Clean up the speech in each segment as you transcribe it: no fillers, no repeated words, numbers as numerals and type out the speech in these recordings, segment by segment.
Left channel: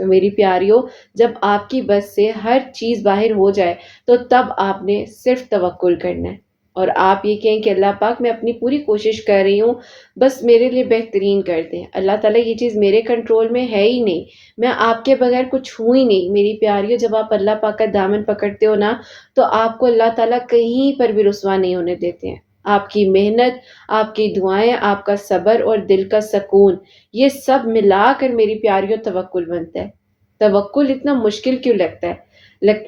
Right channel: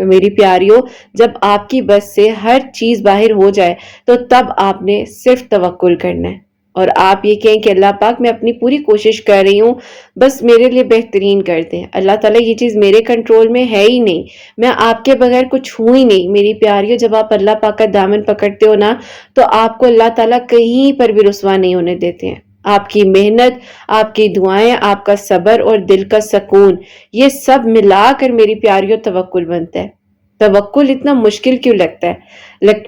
تو میری پیاریوں، جب آپ کی بس سے ہر چیز باہر ہو جائے تو تب آپ نے صرف توکل کرنا ہے، اور آپ یہ کہیں کہ اللہ پاک میں اپنی پوری کوشش کر رہی ہوں، بس میرے لیے بہترین کر دیں۔ اللہ تعالیٰ یہ چیز میرے کنٹرول میں ہے ہی نہیں، میں آپ کے بغیر کچھ ہوں ہی نہیں۔ میری پیاریوں، جب آپ اللہ پاک کا دامن پکڑتے ہو نا، تو آپ کو اللہ تعالیٰ کہیں پر بھی رسوا نہیں ہونے دیتے ہیں۔ آپ کی محنت، آپ کی دعائیں، آپ کا صبر اور دل کا سکون، یہ سب ملا کر میری پیاریوں توکل بنتا ہے۔ توکل اتنا مشکل کیوں لگتا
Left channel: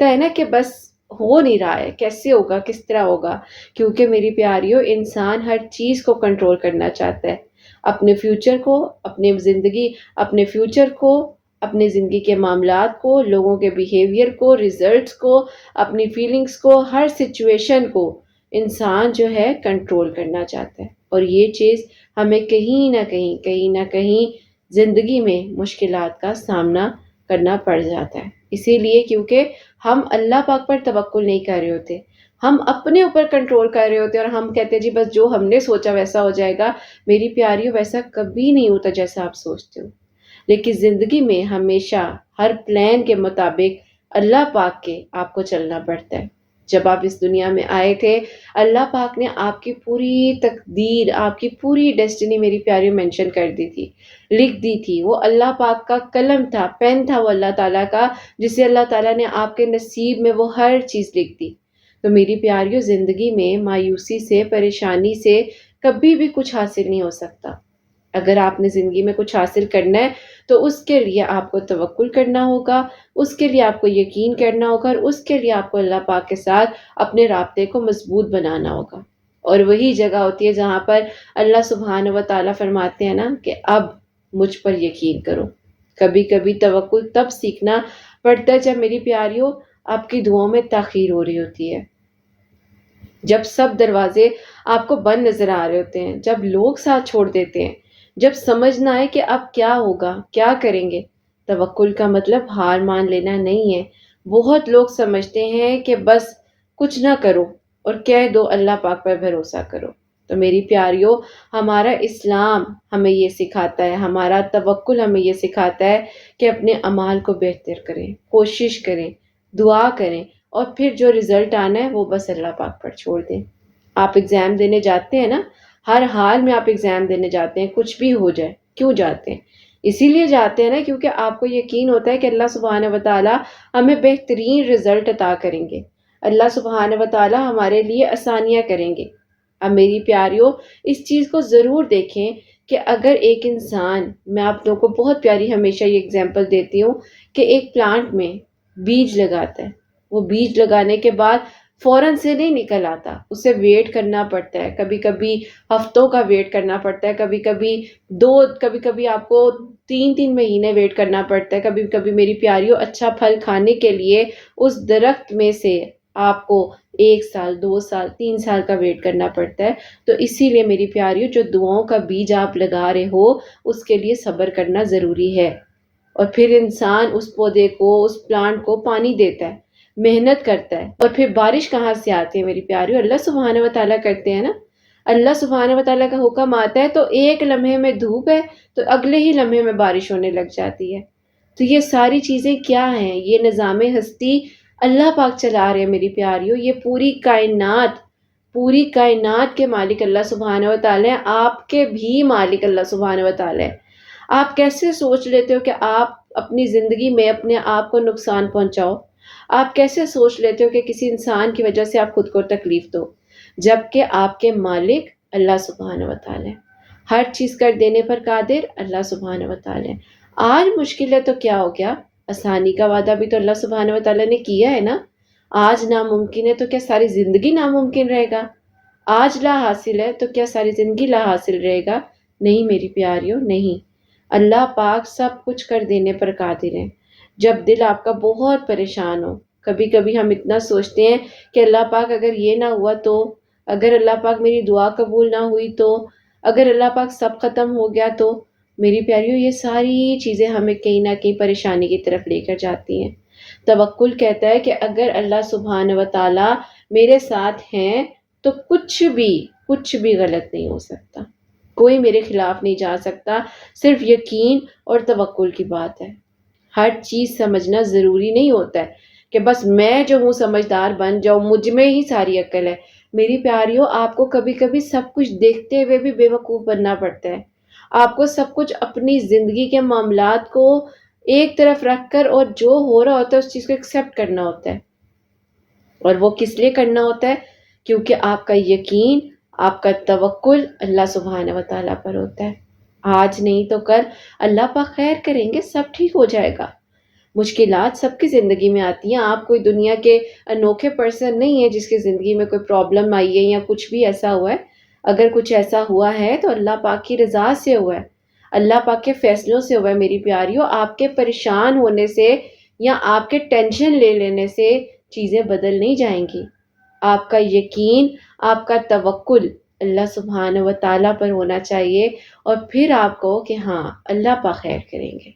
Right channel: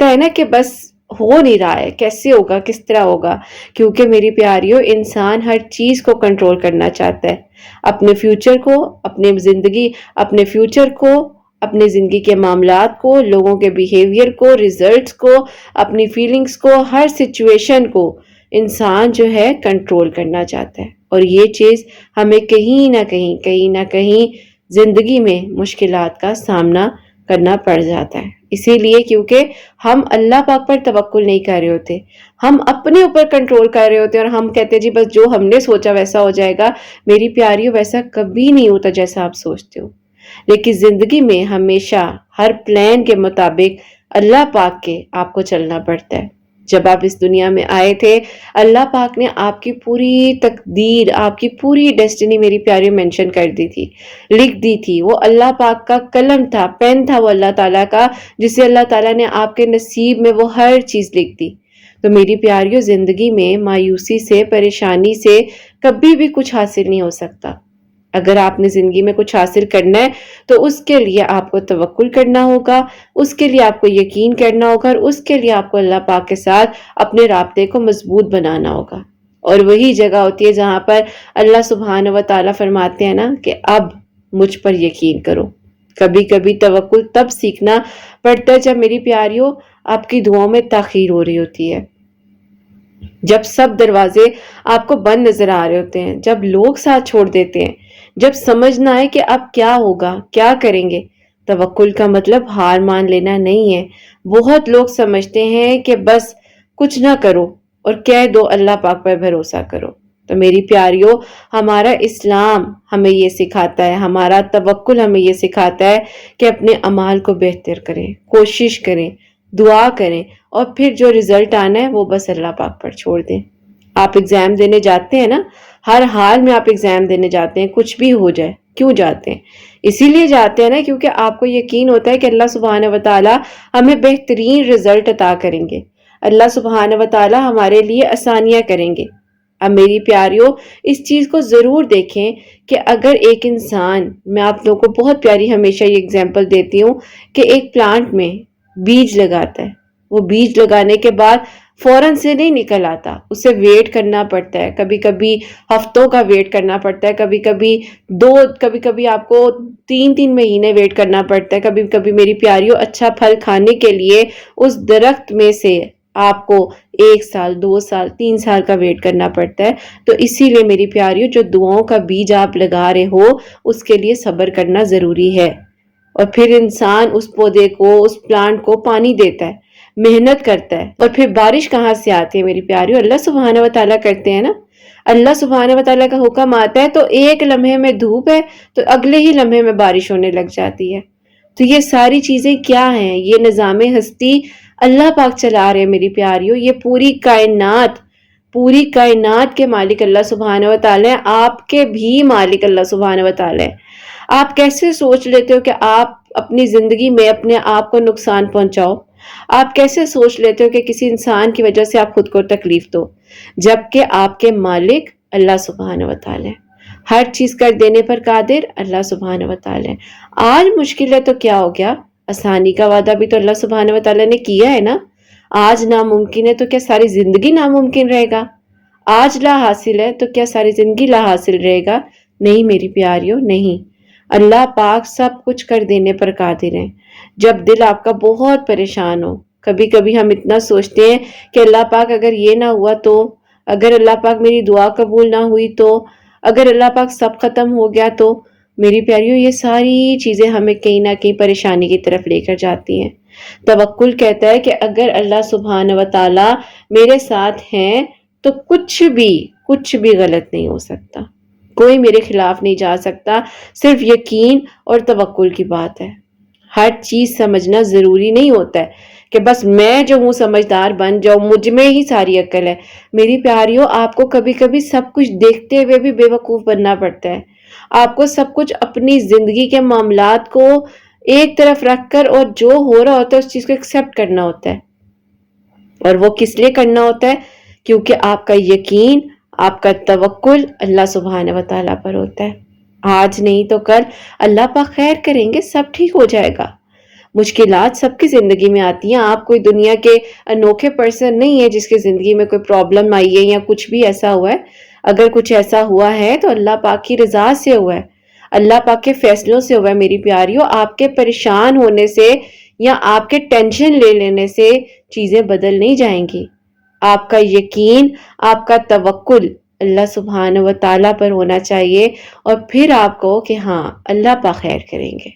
ہے نا کہ بس ہو نہیں رہا ہے، کیسے ہوگا، کس طرح ہوگا؟ کیونکہ میری پیاریوں، انسان ہر چیز کو کنٹرول کرنا چاہتا ہے، اپنے فیوچر کو، اپنے فیوچر کو، اپنے زندگی کے معاملات کو، لوگوں کے بیہیویئر کو، ریزلٹس کو، اپنی فیلنگز کو، ہر سچویشن کو انسان جو ہے کنٹرول کرنا چاہتا ہے، اور یہ چیز ہمیں کہیں نہ کہیں زندگی میں مشکلات کا سامنا کرنا پڑ جاتا ہے۔ اسی لیے کیونکہ ہم اللہ پاک پر توکل نہیں کر رہے ہوتے، ہم اپنے اوپر کنٹرول کر رہے ہوتے ہیں، اور ہم کہتے ہیں جی بس جو ہم نے سوچا ویسا ہو جائے گا۔ میری پیاریوں، ویسا کبھی نہیں ہوتا جیسا آپ سوچتے ہو، لیکن زندگی میں ہمیشہ ہر پلان کے مطابق اللہ پاک کے آپ کو چلنا پڑتا ہے۔ جب آپ اس دنیا میں آئے تھے، اللہ پاک نے آپ کی پوری تقدیر، آپ کی پوری ڈیسٹینی میری پیاری مینشن کر دی تھی، لکھ دی تھی۔ وہ اللہ پاک کا قلم تھا، پین تھا وہ اللہ تعالیٰ کا، جسے اللہ تعالیٰ نے آپ کے نصیب میں وہ ہر چیز لکھ دی۔ تو میری پیاریوں، زندگی میں مایوسی سے، پریشانی سے کبھی بھی کچھ حاصل نہیں ہو سکتا۔ اگر آپ نے زندگی میں کچھ حاصل کرنا ہے تو اس کے لیے آپ کو توکل کرنا ہوگا، اس کے لیے آپ کو یقین کرنا ہوگا، اور اس کے لیے آپ کو اللہ پاک کے ساتھ اپنے رابطے کو مضبوط بنانا ہوگا۔ اور وہی جگہ ہوتی ہے جہاں پر اللہ سبحانہ و تعالیٰ فرماتے ہیں نا کہ اب مجھ پر یقین کرو۔ کبھی کبھی توکل تب سیکھنا پڑتا ہے جب میری پیاریوں آپ کی دعاؤں میں تاخیر ہو رہی ہوتی ہے، جب سب دروازے آپ کو بند نظر آ رہے ہوتے ہیں، جب لوگ ساتھ چھوڑ دیتے ہیں، جب سمجھ نہ آئے کہ اب کیا ہوگا، کیا کریں گے۔ توکل کا مطلب ہار مان لینا نہیں ہے۔ بہت لوگ سمجھتے ہیں کہ بس کچھ نہ کرو اور کہہ دو اللہ پاک پر بھروسہ کرو۔ تو میری پیاریوں، ہمارا اسلام ہمیں یہ سکھاتا ہے، ہمارا توکل ہمیں یہ سکھاتا ہے کہ اپنے اعمال کو بہتر کریں، کوشش کریں، دعا کریں، اور پھر جو رزلٹ آنا ہے وہ بس اللہ پاک پر چھوڑ دیں۔ آپ ایگزام دینے جاتے ہیں نا، ہر حال میں آپ ایگزام دینے جاتے ہیں، کچھ بھی ہو جائے، کیوں جاتے ہیں؟ اسی لیے جاتے ہیں نا کیونکہ آپ کو یقین ہوتا ہے کہ اللہ سبحانہ و تعالیٰ ہمیں بہترین رزلٹ عطا کریں گے، اللہ سبحانہ و تعالیٰ ہمارے لیے آسانیاں کریں گے۔ اب میری پیاریوں، اس چیز کو ضرور دیکھیں کہ اگر ایک انسان، میں آپ لوگوں کو بہت پیاری ہمیشہ یہ اگزامپل دیتی ہوں کہ ایک پلانٹ میں بیج لگاتا ہے، وہ بیج لگانے کے بعد فوراً سے نہیں نکل آتا، اسے ویٹ کرنا پڑتا ہے، کبھی کبھی ہفتوں کا ویٹ کرنا پڑتا ہے، کبھی کبھی آپ کو 3 مہینے ویٹ کرنا پڑتا ہے، کبھی کبھی میری پیاریوں اچھا پھل کھانے کے لیے اس درخت میں سے آپ کو 1 سال، 2 سال، 3 سال کا ویٹ کرنا پڑتا ہے۔ تو اسی لیے میری پیاریوں، جو دعاؤں کا بیج آپ لگا رہے ہو اس کے لیے صبر کرنا ضروری ہے، اور پھر انسان اس پودے کو، اس پلانٹ کو پانی دیتا ہے، محنت کرتا ہے، اور پھر بارش کہاں سے آتی ہے میری پیاریوں؟ اللہ سبحانہ و تعالیٰ کرتے ہیں نا۔ اللہ سبحانہ و تعالیٰ کا حکم آتا ہے تو ایک لمحے میں دھوپ ہے تو اگلے ہی لمحے میں بارش ہونے لگ جاتی ہے۔ تو یہ ساری چیزیں کیا ہیں؟ یہ نظام ہستی اللہ پاک چلا رہے ہیں میری پیاریوں۔ یہ پوری کائنات کے مالک اللہ سبحانہ و تعالیٰ ہیں، آپ کے بھی مالک اللہ سبحانہ و تعالیٰ ہیں۔ آپ کیسے سوچ لیتے ہو کہ آپ اپنی زندگی میں اپنے آپ کو نقصان پہنچاؤ؟ آپ کیسے سوچ لیتے ہو کہ کسی انسان کی وجہ سے آپ خود کو تکلیف دو، جبکہ آپ کے مالک اللہ سبحانہ و تعالیٰ ہے، ہر چیز کر دینے پر قادر اللہ سبحانہ و تعالیٰ ہے۔ آج مشکل ہے تو کیا ہو گیا؟ آسانی کا وعدہ بھی تو اللہ سبحانہ و تعالیٰ نے کیا ہے نا۔ آج ناممکن ہے تو کیا ساری زندگی ناممکن رہے گا؟ آج لا حاصل ہے تو کیا ساری زندگی لا حاصل رہے گا؟ نہیں میری پیاریوں، نہیں۔ اللہ پاک سب کچھ کر دینے پر قادر ہیں۔ جب دل آپ کا بہت پریشان ہو، کبھی کبھی ہم اتنا سوچتے ہیں کہ اللہ پاک اگر یہ نہ ہوا تو، اگر اللہ پاک میری دعا قبول نہ ہوئی تو، اگر اللہ پاک سب ختم ہو گیا تو، میری پیاریوں یہ ساری چیزیں ہمیں کہیں نہ کہیں پریشانی کی طرف لے کر جاتی ہیں۔ توکل کہتا ہے کہ اگر اللہ سبحانہ و تعالیٰ میرے ساتھ ہیں تو کچھ بھی غلط نہیں ہو سکتا، کوئی میرے خلاف نہیں جا سکتا، صرف یقین اور توکل کی بات ہے۔ ہر چیز سمجھنا ضروری نہیں ہوتا ہے کہ بس میں جو ہوں سمجھدار بن جاؤں، مجھ میں ہی ساری عقل ہے۔ میری پیاریوں، آپ کو کبھی کبھی سب کچھ دیکھتے ہوئے بھی بے وقوف بننا پڑتا ہے۔ آپ کو سب کچھ اپنی زندگی کے معاملات کو ایک طرف رکھ کر اور جو ہو رہا ہوتا ہے اس چیز کو ایکسپٹ کرنا ہوتا ہے۔ اور وہ کس لیے کرنا ہوتا ہے؟ کیونکہ آپ کا یقین، آپ کا توکل اللہ سبحانہ و تعالیٰ پر ہوتا ہے۔ آج نہیں تو کل اللہ پاک خیر کریں گے، سب ٹھیک ہو جائے گا۔ مشکلات سب کی زندگی میں آتی ہیں، آپ کوئی دنیا کے انوکھے پرسن نہیں ہے جس کی زندگی میں کوئی پرابلم آئی ہے یا کچھ بھی ایسا ہوا ہے۔ اگر کچھ ایسا ہوا ہے تو اللہ پاک کی رضا سے ہوا ہے، اللہ پاک کے فیصلوں سے ہوا ہے۔ میری پیاریوں، آپ کے پریشان ہونے سے یا آپ کے ٹینشن لے لینے سے چیزیں بدل نہیں جائیں گی۔ آپ کا یقین، آپ کا توکل اللہ سبحانہ و تعالیٰ پر ہونا چاہیے، اور پھر آپ کو کہ ہاں اللہ پاک خیر کریں گے۔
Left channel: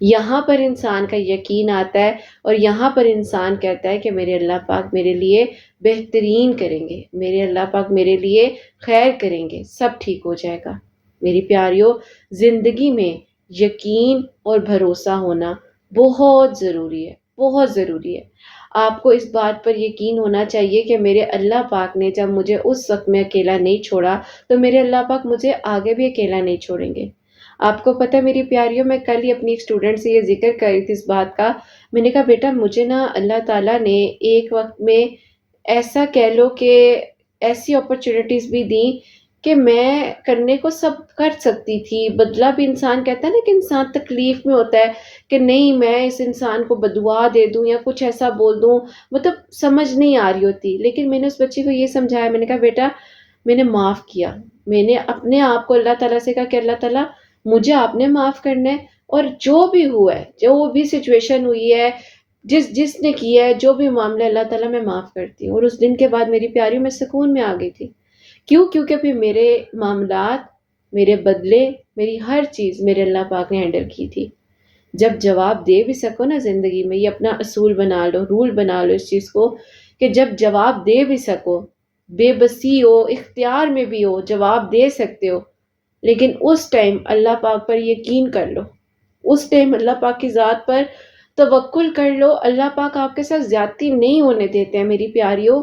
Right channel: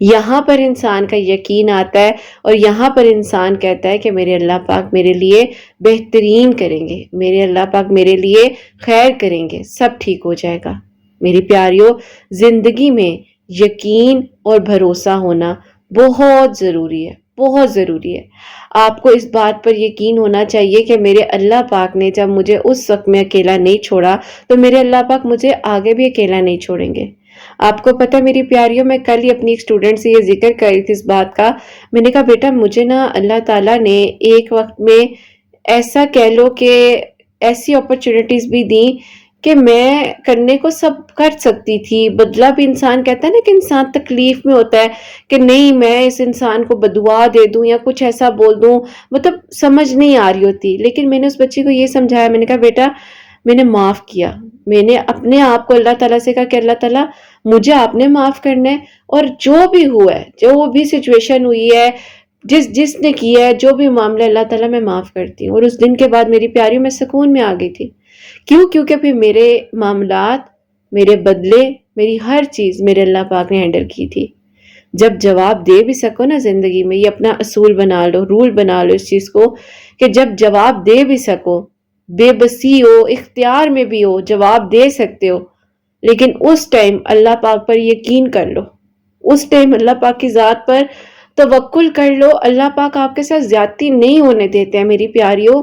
یہاں پر انسان کا یقین آتا ہے اور یہاں پر انسان کہتا ہے کہ میرے اللہ پاک میرے لیے بہترین کریں گے، میرے اللہ پاک میرے لیے خیر کریں گے، سب ٹھیک ہو جائے گا۔ میری پیاریوں، زندگی میں یقین اور بھروسہ ہونا بہت ضروری ہے، بہت ضروری ہے۔ آپ کو اس بات پر یقین ہونا چاہیے کہ میرے اللہ پاک نے جب مجھے اس وقت میں اکیلا نہیں چھوڑا تو میرے اللہ پاک مجھے آگے بھی اکیلا نہیں چھوڑیں گے۔ آپ کو پتہ میری پیاریوں، میں کل ہی اپنی ایک اسٹوڈنٹ سے یہ ذکر کر رہی تھی اس بات کا۔ میں نے کہا بیٹا مجھے نا اللہ تعالیٰ نے ایک وقت میں ایسا کہہ لو کہ ایسی اپرچونٹیز بھی دیں کہ میں کرنے کو سب کر سکتی تھی، بدلہ بھی انسان کہتا ہے نا کہ انسان تکلیف میں ہوتا ہے کہ نہیں میں اس انسان کو بددعا دے دوں یا کچھ ایسا بول دوں، مطلب سمجھ نہیں آ رہی ہوتی۔ لیکن میں نے اس بچی کو یہ سمجھایا، میں نے کہا بیٹا میں نے معاف کیا، میں نے اپنے آپ کو اللہ تعالیٰ سے کہا کہ اللہ تعالیٰ مجھے آپ نے معاف کرنا ہے، اور جو بھی ہوا ہے، جو بھی سچویشن ہوئی ہے، جس نے کیا ہے، جو بھی معاملہ، اللہ تعالیٰ میں معاف کرتی ہوں۔ اور اس دن کے بعد میری پیاریوں میں سکون میں آ گئی تھی۔ کیوں؟ کیونکہ پھر میرے معاملات، میرے بدلے، میری ہر چیز میرے اللہ پاک نے ہینڈل کی تھی۔ جب جواب دے بھی سکو نا زندگی میں، یہ اپنا اصول بنا لو، رول بنا لو اس چیز کو کہ جب جواب دے بھی سکو، بے بسی ہو، اختیار میں بھی ہو، جواب دے سکتے ہو، لیکن اس ٹائم اللہ پاک پر یقین کر لو، اس ٹائم اللہ پاک کی ذات پر توکل کر لو۔ اللہ پاک آپ کے ساتھ زیادتی نہیں ہونے دیتے ہیں میری پیاریوں۔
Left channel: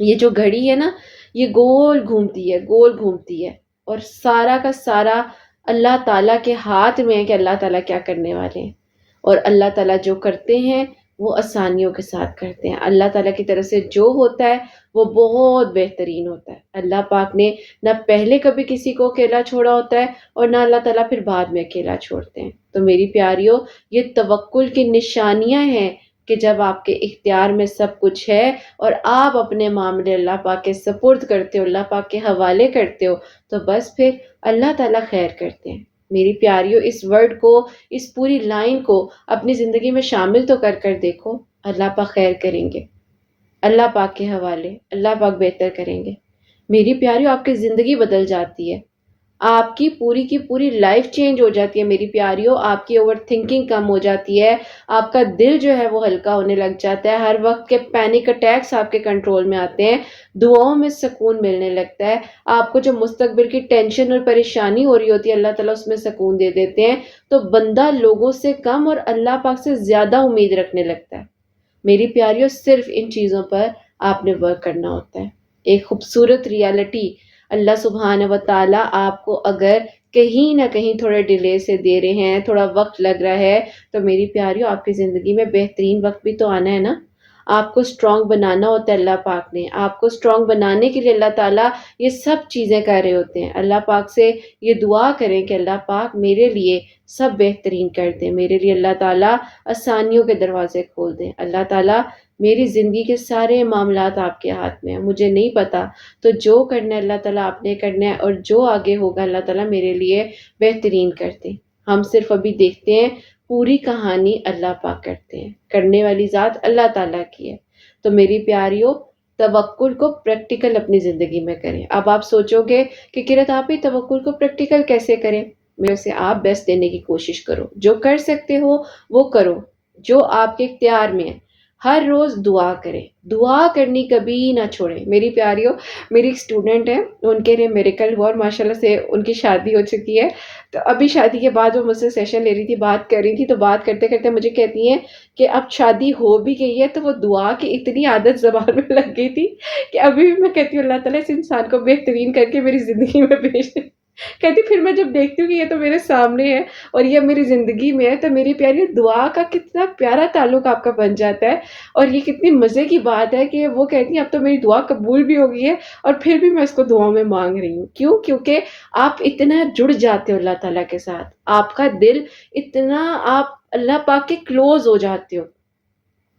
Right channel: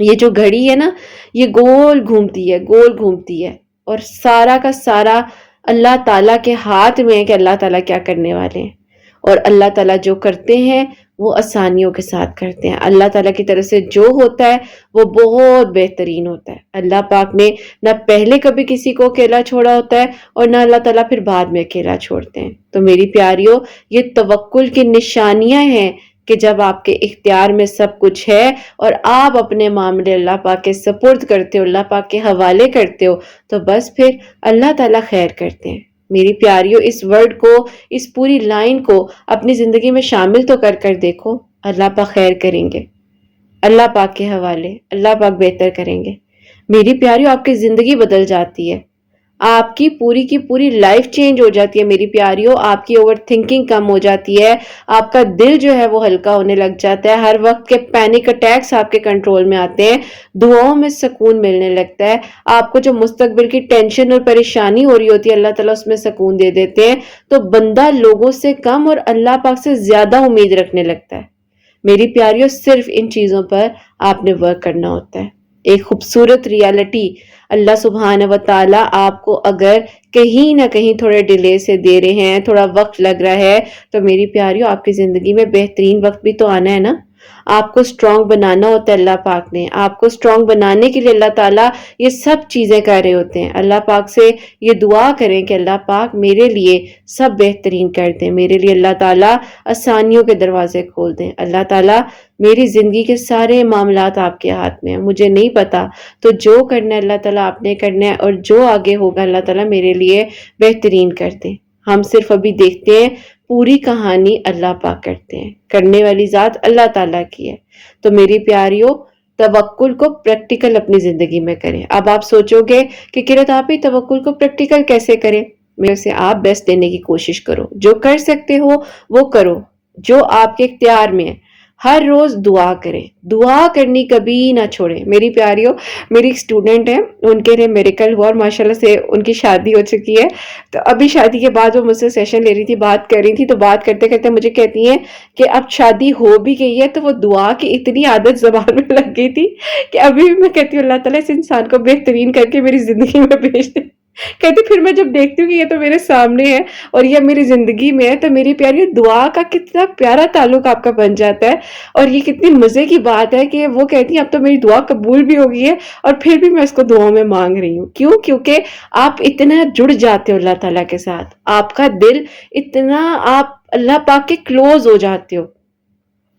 یہ جو گھڑی ہے نا، یہ گول گھومتی ہے، گول گھومتی ہے، اور سارا کا سارا اللہ تعالیٰ کے ہاتھ میں ہے کہ اللہ تعالیٰ کیا کرنے والے ہیں۔ اور اللہ تعالیٰ جو کرتے ہیں وہ آسانیوں کے ساتھ کرتے ہیں۔ اللہ تعالیٰ کی طرف سے جو ہوتا ہے وہ بہت بہترین ہوتا ہے۔ اللہ پاک نے نہ پہلے کبھی کسی کو اکیلا چھوڑا ہوتا ہے اور نہ اللہ تعالیٰ پھر بعد میں اکیلا چھوڑتے ہیں۔ تو میری پیاریوں، یہ توکل کی نشانیاں ہیں کہ جب آپ کے اختیار میں سب کچھ ہے اور آپ اپنے معاملے اللہ پاک کے سپرد کرتے ہو، اللہ پاک کے حوالے کرتے ہو، تو بس پھر اللہ تعالیٰ خیر کرتے ہیں۔ میری پیاریوں، اس ورڈ کو، اس پوری لائن کو اپنی زندگی میں شامل تو کر دیکھو۔ اللہ پاک خیر کریں گے، اللہ پاک کے حوالے، اللہ پاک بہتر کریں گے۔ میری پیاریوں، آپ کی زندگی بدل جاتی ہے، آپ کی پوری لائف چینج ہو جاتی ہے میری پیاریوں۔ آپ کی اوور تھنکنگ کم ہو جاتی ہے، آپ کا دل جو ہے وہ ہلکا ہونے لگ جاتا ہے، ہر وقت کے پینک اٹیکس آپ کے کنٹرول میں آتے ہیں، دعاؤں میں سکون ملنے لگتا ہے۔ آپ کو جو مستقبل کی ٹینشن اور پریشانی ہو رہی ہوتی ہے، اللہ تعالیٰ اس میں سکون دے دیتے ہیں، تو بندہ لوگوں سے کم اور اللہ پاک سے زیادہ امید رکھنے لگتا ہے۔ میری پیاریوں، صرف ان چیزوں پر آپ نے ورک کرنا ہوتا ہے۔ ایک خوبصورت ریالٹی، اللہ سبحانہ و تعالیٰ آپ کو اگر کہیں نہ کہیں تھوڑے ڈیلے سے دے رہے ہیں، تھوڑا وقت لگ رہا ہے، تو میری پیاریوں آپ کی زندگی میں بہترین وقت بھی تو آنا ہے نا۔ آپ کو سٹرونگ بنانا ہوتا ہے اللہ پاک نے، آپ کو سٹرونگ بنانے کے لیے اللہ تعالیٰ یہ سب چیزیں کر رہے ہوتے ہیں۔ اللہ پاک سے یہ دعا کریں کہ اللہ پاک میرے لیے سب بہترین کر دیں، میرے لیے اللہ تعالیٰ آسانیوں کے دروازے کھول دیں۔ اللہ تعالیٰ میری زندگی کے سارے معاملات آپ کے ہاتھ میں ہیں، مجھے نہیں پتا، تو جو کرنا ہے اللہ تعالیٰ آپ نے کرنا ہے، اور جو آگے ہوگا اللہ تعالیٰ میرے لیے بہترین کر دیں۔ ہم صرف ابھی دیکھتے ہیں، پوری کہانی اللہ پاک کرتے ہیں، کرنے والی ذات اللہ تعالیٰ کی ہے۔ تو میری پیاریوں، توکل کو پریکٹیکل اپنی زندگی میں کریں۔ اب آپ سوچو گے کہ قرت آپ ہی توکل کو پریکٹیکل کیسے کریں؟ میرے سے آپ بیسٹ دینے کی کوشش کرو، جو کر سکتے ہو وہ کرو، جو آپ کے اختیار میں ہے۔ ہر روز دعا کریں، دعا کرنی کبھی نہ چھوڑیں میری پیاریوں۔ میری ایک اسٹوڈنٹ ہے، ان کے لیے میریکل ہوا اور ماشاءاللہ سے ان کی شادی ہو چکی ہے۔ تو ابھی شادی کے بعد وہ مجھ سے سیشن لے رہی تھی، بات کر رہی تھی، تو بات کرتے کرتے مجھے کہتی ہیں کہ اب شادی ہو بھی گئی ہے تو وہ دعا کی اتنی عادت زبان میں لگ گئی تھی کہ ابھی بھی میں کہتی ہوں اللہ تعالیٰ اس انسان کو بہترین کر کے میری زندگی میں بھیج دے۔ کہتی پھر میں جب دیکھتی ہوں کہ یہ تو میرے سامنے ہے اور یہ میری زندگی میں ہے، تو میری پیاری دعا کا کتنا پیارا تعلق آپ کا بن جاتا ہے۔ اور یہ کتنی مزے کی بات ہے کہ وہ کہتی ہیں اب تو میری دعا قبول بھی ہو گئی ہے اور پھر بھی میں اس کو دعاؤں میں مانگ رہی ہوں۔ کیوں؟ کیونکہ آپ اتنا جڑ جاتے ہو اللہ تعالیٰ کے ساتھ، آپ کا دل اتنا، آپ اللہ پاک کے کلوز ہو جاتے ہو۔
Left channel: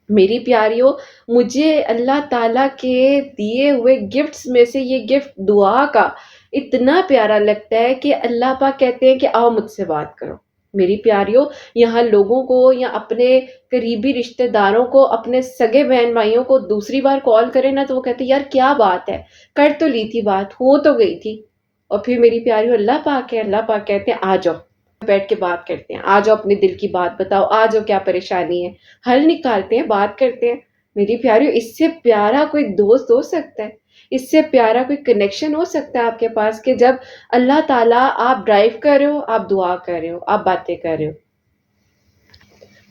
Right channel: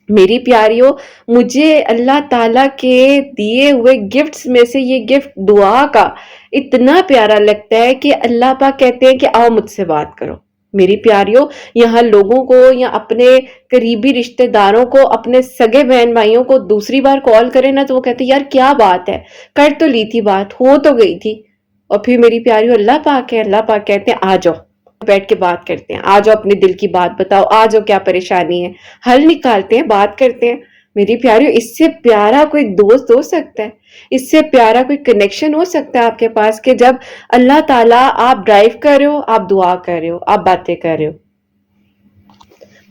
میری پیاریوں، مجھے اللہ تعالیٰ کے دیے ہوئے گفٹس میں سے یہ گفٹ دعا کا اتنا پیارا لگتا ہے کہ اللہ پاک کہتے ہیں کہ آؤ مجھ سے بات کرو۔ میری پیاریوں، یہاں لوگوں کو یا اپنے قریبی رشتہ داروں کو، اپنے سگے بہن بھائیوں کو دوسری بار کال کرے نا تو وہ کہتے ہیں یار کیا بات ہے، کر تو لی تھی بات، ہو تو گئی تھی۔ اور پھر میری پیاریوں اللہ پاک ہے، اللہ پاک کہتے ہیں آ جاؤ بیٹھ کے بات کرتے ہیں، آ جاؤ اپنے دل کی بات بتاؤ، آ جاؤ کیا پریشانی ہے، حل نکالتے ہیں، بات کرتے ہیں۔ میری پیاریوں، اس سے پیارا کوئی دوست ہو سکتا ہے؟ اس سے پیارا کوئی کنیکشن ہو سکتا ہے آپ کے پاس کہ جب اللہ تعالیٰ، آپ ڈرائیو کر رہے ہو، آپ دعا کر رہے ہو، آپ باتیں کر رہے ہو؟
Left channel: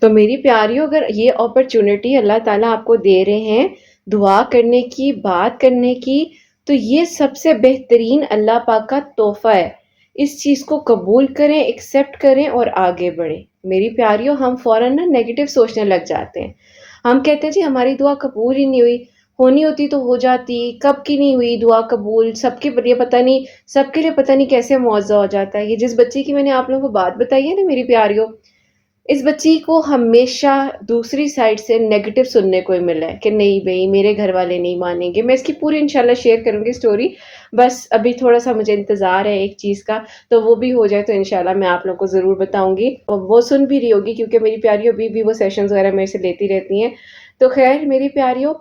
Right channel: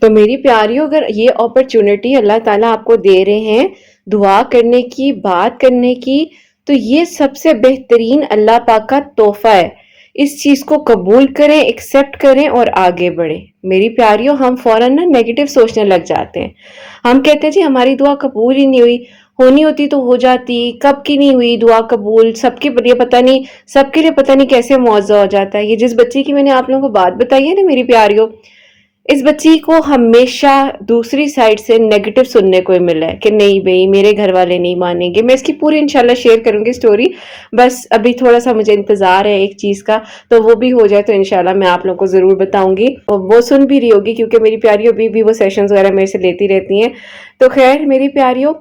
تو میری پیاریوں، اگر یہ اپرچونٹی اللہ تعالیٰ آپ کو دے رہے ہیں دعا کرنے کی، بات کرنے کی، تو یہ سب سے بہترین اللہ پاک کا تحفہ ہے۔ اس چیز کو قبول کریں، ایکسپٹ کریں اور آگے بڑھیں۔ میری پیاریوں، ہم فوراً نیگیٹو سوچنے لگ جاتے ہیں۔ ہم کہتے ہیں جی ہماری دعا قبول ہی نہیں ہوئی، ہونی ہوتی تو ہو جاتی، کب کی نہیں ہوئی دعا قبول، سب کے لیے پتہ نہیں، سب کے لیے پتہ نہیں کیسے معاوضہ ہو جاتا ہے۔ یہ جس بچی کی میں نے آپ لوگوں کو بات بتائی ہے نا میری پیاریوں، اس بچی کو ہمیشہ دوسری سائڈ سے نیگیٹو سننے کو ہی ملا ہے کہ نہیں بھئی میرے گھر والے نہیں مانیں گے۔ میں اس کی پوری انشاءاللہ شیئر کروں گی سٹوری، بس ابھی تھوڑا سا مجھے انتظار ہے ایک چیز کا، تو وہ بھی ہو جائے تو انشاءاللہ میں آپ لوگوں کو ضرور بتاؤں گی، اور وہ سن بھی رہی ہوگی کیونکہ میری پیاریوں ابھی بھی وہ سیشنز وغیرہ میرے سے لیتی رہتی ہیں۔ تو خیر میری پیاریوں،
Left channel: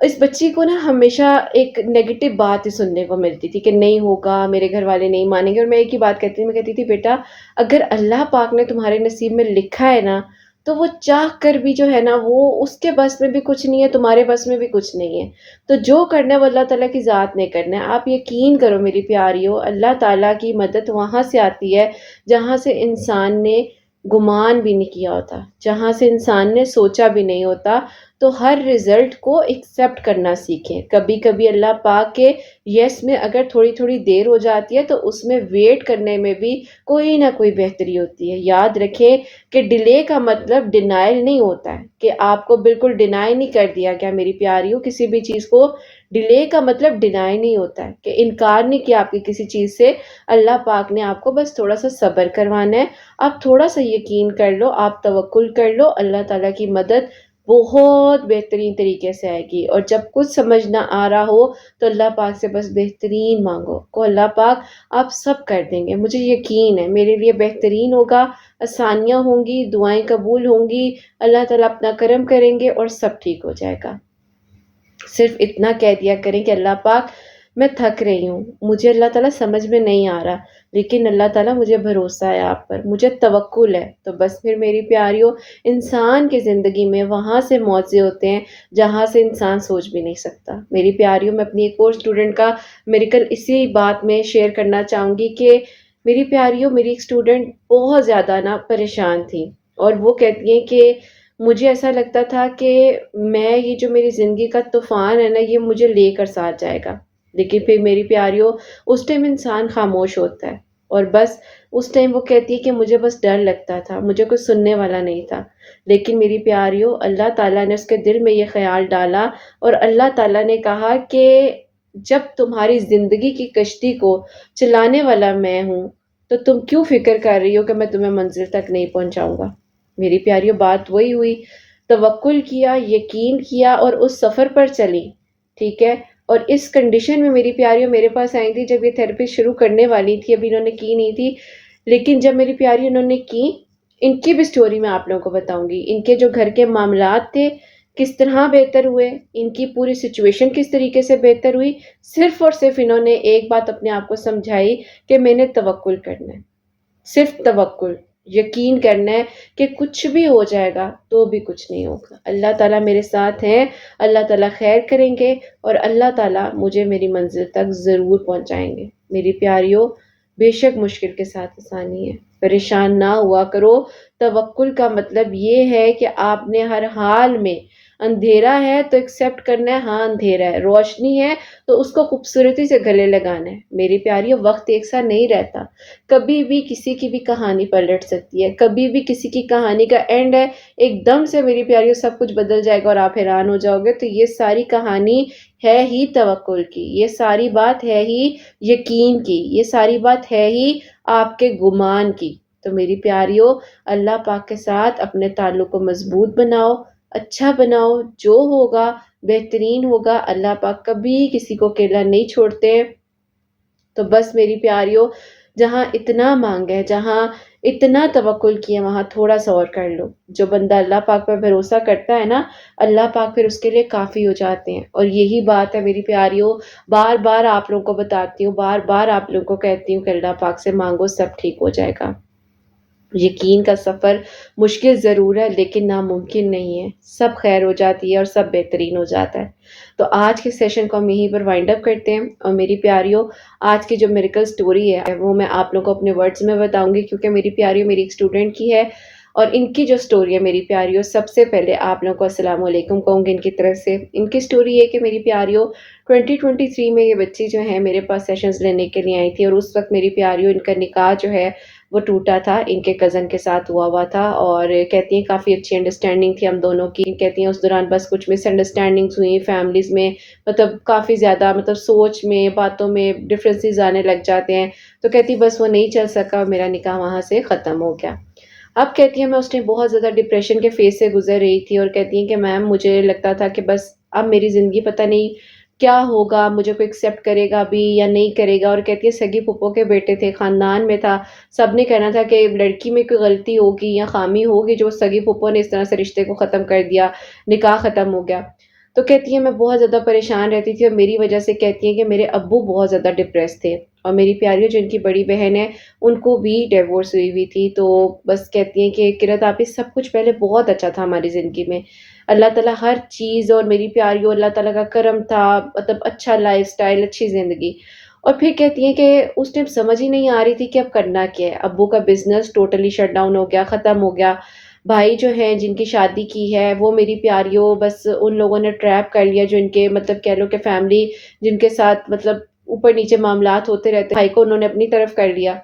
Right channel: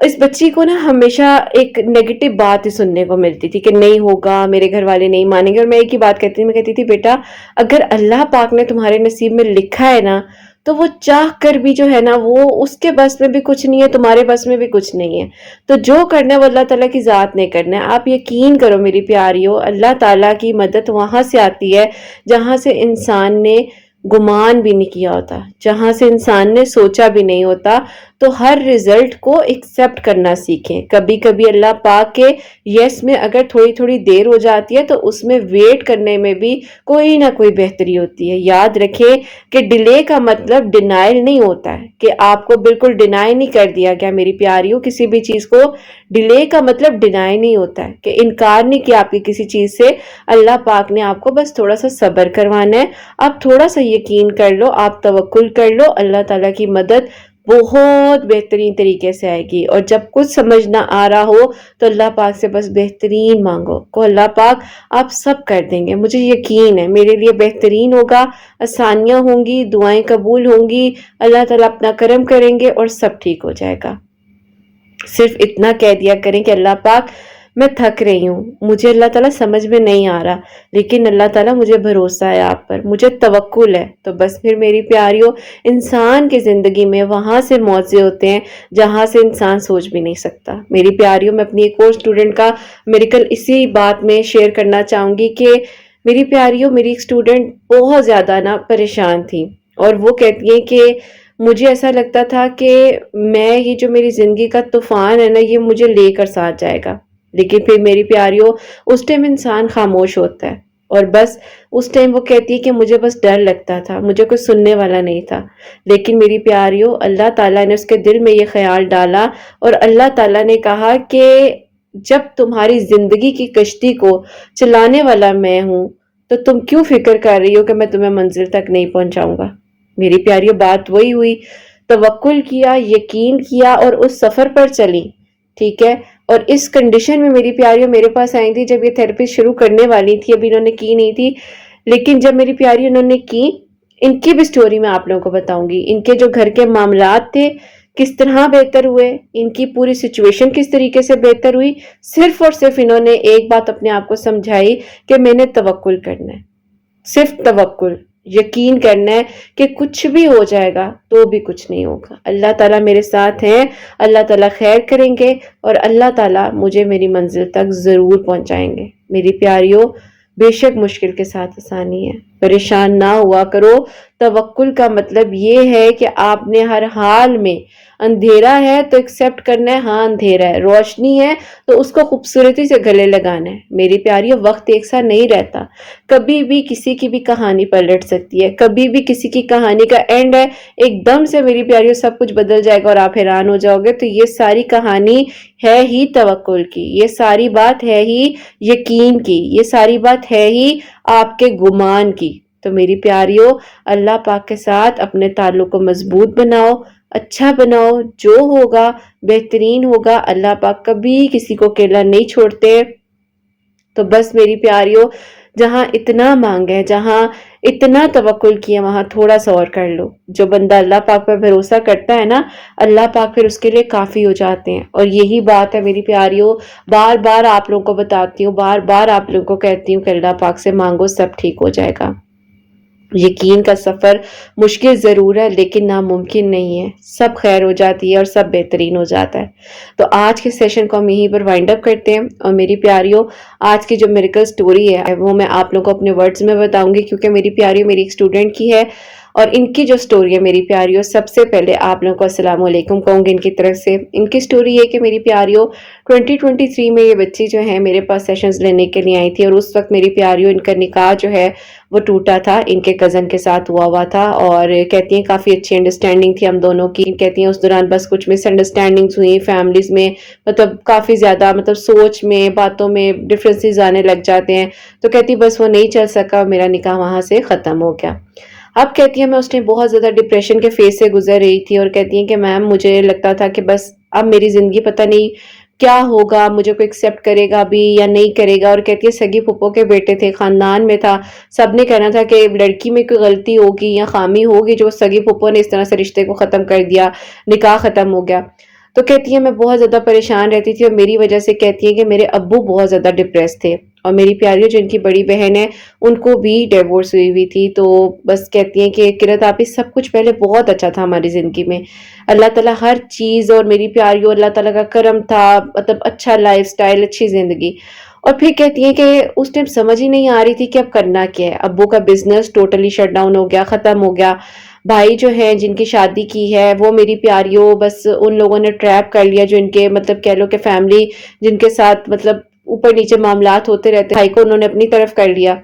اس بچی کو نا ہمیشہ ایک نیگیٹو بات ہی سننے کو ملتی تھی کہ نہیں ہوگا، میرے گھر والے نہیں مانیں گے۔ اور میں ایک ہی بات کہتی تھی، میں کہتی تھی بیٹا اگر اللہ پاک نے تمہارے نصیب میں لکھا ہے نا تو وہ چاہ کر بھی جو ہے نا وہ اس کے بس میں بھی کچھ نہیں ہے، تمہارے بس میں بھی کچھ نہیں ہے۔ تو جو کرنا ہے وہ اللہ تعالیٰ کی ذات نے کرنا ہے۔ آپ یقین کرو میری پیاریوں، اللہ تعالیٰ کی مدد وہاں سے آتی ہے جہاں سے انسان نے گمان بھی نہیں کیا ہوتا، جہاں سے انسان نے سوچا بھی نہیں ہوتا۔ تو ہر رزلٹ کو ایکسپٹ کرنا سیکھیں۔ کبھی کبھی اللہ پاک کے یس میں اگر تھوڑی تھوڑی دیر ہو جاتی ہے تو اس میں ویٹ کرنے میں بھی کوئی نہ کوئی بہتری ہوتی ہے۔ یاد رکھیں کہ ڈیلے کا مطلب ڈینائل نہیں ہوتا ہے کہ آپ کو بالکل ڈینائی نہیں کر دیا گیا۔ میری پیاریوں، کسی بھی چیز کو ڈیلے کا مطلب ڈینائی نہیں ہوتا ہے کہ انکار نہیں کیا آپ کی کسی چیز سے۔ اللہ پاک نے آپ کو بس تھوڑا سا صبر کروانا ہے، آپ تھوڑا سا یقین کر لو، آپ توکل کر لو، اللہ تعالیٰ کی مدد بہت بہترین طریقے سے آئے گی۔ اور جب کچھ سمجھ نہ آ رہا ہو تو اللہ پاک سے بس بہترین مانگو، کو اللہ پاک آپ سب کر دیں گے۔ مجھے یقین ہے میرے لیے بہترین ہوگا، آسانیاں ہوں گی، دعائیں قبول ہوں گی، اللہ تعالیٰ اپنا کرم کریں گے اور سب ٹھیک ہو جائے گا۔ صرف اتنا کہہ دیا کریں کہ اللہ پاک میں تھک رہی ہوں، مجھے اللہ تعالیٰ سمجھ میں نہیں آ رہا، لیکن اللہ تعالیٰ مجھے بھروسہ ہے آپ پر، مجھے توکل ہے۔ تو بس پھر میری پیاریوں، انسان کی زندگی میں وہاں سے موضوع ہوتے ہیں جہاں سے انسان سوچ بھی نہیں سکتا۔ میری پیاریوں، میں اپنی ایک اور اسٹوڈنٹ کا میریکل اسی بات میں شیئر کرنا چاہوں گی کہ میری پیاریوں، میری ایک اسٹوڈنٹ بہت زیادہ نا پریشان تھی، اور وہ کہتی ہیں کہ مجھے ایسا لگتا تھا کہ یہ جو میری زندگی کا طوفان ہے نا یہ مجھے لے کر ساتھ جائے گا، لیکن پھر میری پیاریوں اس ٹائم انسان خاموش ہوتا ہے، اور بس اس ٹائم وہ کہتی ہے کہ مجھے بس ڈر لگتا تھا، مجھے کوئی سننے والا نہیں تھا۔ لیکن میری پیاریوں، اللہ تعالیٰ نے اس کے دل میں یہ خیال ڈالا، اور اللہ تعالیٰ نے کہا کہ جب تمہاری زندگی کی کشتی کو چلانے والا میں ہوں تو تم کیوں فکر کر رہی ہو کہ میں تمہیں منزل تک نہیں پہنچاؤں گا۔ میری پیاریوں، بات وہی ہوئی، توکل کیا، یقین کیا اور اس سفر پر چلی، ٹھیک ہے۔ اور اس کنڈیشن میں میری پیاریوں میرے پاس آئی تھی جب یہ تھراپی شروع کرنے والی تھی، ابھی انہوں نے کی نہیں تھی، لیکن جب میری پیاری انہوں نے کی، ان کی بھی سٹوری میں آپ لوگوں کو بتاؤں گی، ان کے جو گھر کے معاملات تھے کس طرح بہتر ہوئے، ان کی پوری سچویشن کس طریقے سے بہتر ہوئی، صرف اور صرف انہوں نے ایک بات اپنے آپ کو سمجھائی کہ میں نے توکل کرنا ہے، صرف توکل۔ یقین کرنا ہے کہ کچھ بھی ہو جائے گا تو بھی کچھ نہیں ہوگا. اللہ تعالیٰ میرے ساتھ ہیں، اللہ تعالیٰ خیر کریں گے اور اللہ تعالیٰ مجھے میری منزل تک ضرور پہنچائیں گے. میری پیاریوں، بے شک مشکل کے ساتھ آسانی ہے. پریشان نہ ہوا کرو. توکل کا مطلب یہ ہے کہ آپ نے ہر حال میں، اندھیرا ہے تو ایکسیپٹ کرنا ہے، ہاں اندھیرا ہے. روشنی ہے تو اس کو خوبصورتی سے گلے لگانا ہے. میری پیاریوں، وقت ایک سا نہیں رہتا. کبھی بھی کسی کی بھی کہانی پلٹ سکتی ہے، کبھی بھی کسی کی کہانی کا اینڈ ہے ایک دم سے میری پیاریوں سب کچھ بدل جائے گا اور آپ حیران ہو جاؤ گے. تو یہ ساری کہانی ہے ہی توکل کی، یہ ساری بات ہے ہی یقین کی، یہ ساری بات ہے ہی آپ کے گمان کی. تو میری پیاریوں، اللہ پاک کے ساتھ اپنے تعلق کو مضبوط بناؤ، اچھا بناؤ. جو ہوگا بہترین ہوگا. اللہ پاک کبھی کسی کو اکیلا نہیں چھوڑتے. تو بس میری پیاریوں، جہاں اتنا مانگے، جہاں اتنا توکل کیا، وہاں تھوڑا سا اور کر لو. جو بندہ اللہ پاک پر بھروسہ کرتا ہے نا، اللہ پاک پھر اس کے لیے کافی ہو جاتے ہیں. اور یہی بات ہے میری پیاریوں، بار بار آپ لوگوں کو بتاتی ہوں، بار بار آپ لوگوں کو کہتی ہوں کہ اللہ پاک سے مانگو، سب ٹھیک ہو جائے گا. یقین کا سفر مشکل ضرور ہے لیکن ناممکن نہیں ہے. سب خیر ہو جاتی ہے اور سب بہترین ہو جاتا ہے. تو آج کے سیشن کو ہم یہیں پر وائنڈ اپ کرتے ہیں. اور میری پیاریوں، آج کی جو میریکل سٹوری ہے وہ میں آپ لوگوں کو اپنے ورڈز میں بتاؤں گی، کیونکہ میری پیاریوں میری ایک اسٹوڈنٹ کی ہے اور ان کی جو سٹوری ہے میری پیاریوں، سب سے پہلے آپ لوگوں کو السلام علیکم کہوں گی ان کی طرف سے. ان کی سٹوری یہ کہ میری پیاریوں 2023 میں یہ بچی جو ہے میرے پاس سیشنز لینے کے لیے آئی تھی، اور اس وقت میری پیاریوں ان کا نکاح جو ہے وہ ٹوٹا تھا، ان کے کزن کے ساتھ ہوا تھا. اور کہتی ہیں کافی اچھی انڈرسٹینڈنگ تھی ہم دونوں کی. کہتی ہیں اس دوران بس کچھ مس انڈرسٹینڈنگز ہوئی فیملیز میں، مطلب کافی زیادہ سوچ میں، باتوں میں ڈفرینسز آنے لگ جاتے ہیں. تو کہتی بس وہ نہیں چل سکا، میرا نکاح وہاں سے ختم ہو گیا. اب کہتی ہیں میں اس ٹائم بہت زیادہ ڈپریشن کے فیز سے گزر رہی تھی، اور کہتی ہیں کہ میم مجھے لگتا تھا کہ بس اب میری زندگی پتہ نہیں کیا ہوگا، مجھے کوئی ایکسیپٹ کرے گا بھی یا نہیں کرے گا. اور کہتی ہے سگی پھپھو کے بیٹے تھے، خاندان میں تھا، سب نے کہنا تھا کہ لڑکی میں کوئی غلطی ہوگی یا خامی ہوگی جو سگی پھپھو نے اس طرح سے رشتے کو ختم کر دیا، نکاح ختم ہو گیا. تو کہتی ہے میں بہت زیادہ پریشان رہتی تھی، اور میری وجہ سے کہتی ہے کہ میرے ابو بہت زیادہ ڈپریس تھے. اور میری پیاری جو ان کی بڑی بہن ہے ان کو بھی ڈیورس ہوئی تھی. تو بس کہتی ہیں کہ قرت آپی سب کچھ پہلے بہت اچھا تھا ہماری زندگی میں، اللہ تعالیٰ ہر چیز، اور میری پیاریوں اللہ تعالیٰ کا کرم تھا، مطلب اچھا لائف سٹائل، اچھی زندگی. اور پھر کہتی ہیں کہ اس ٹائم سمجھ ہی نہیں آ رہی تھی کہ اب کرنا کیا ہے. ابو کا بزنس ٹوٹلی شٹ ڈاؤن ہو گیا، ختم ہو گیا. بھائی جو ہیں جن کی شادی کی ہے وہ میری پیاریوں بس ان لوگوں نے ٹریپ کر لیا، جو ان کے مطلب کہہ لو کہ فیملی جن کے ساتھ مطلب اوپر نیچے معاملات ہوتے رہتے، بھائی کو انہوں نے اپنی طرف کر لیا.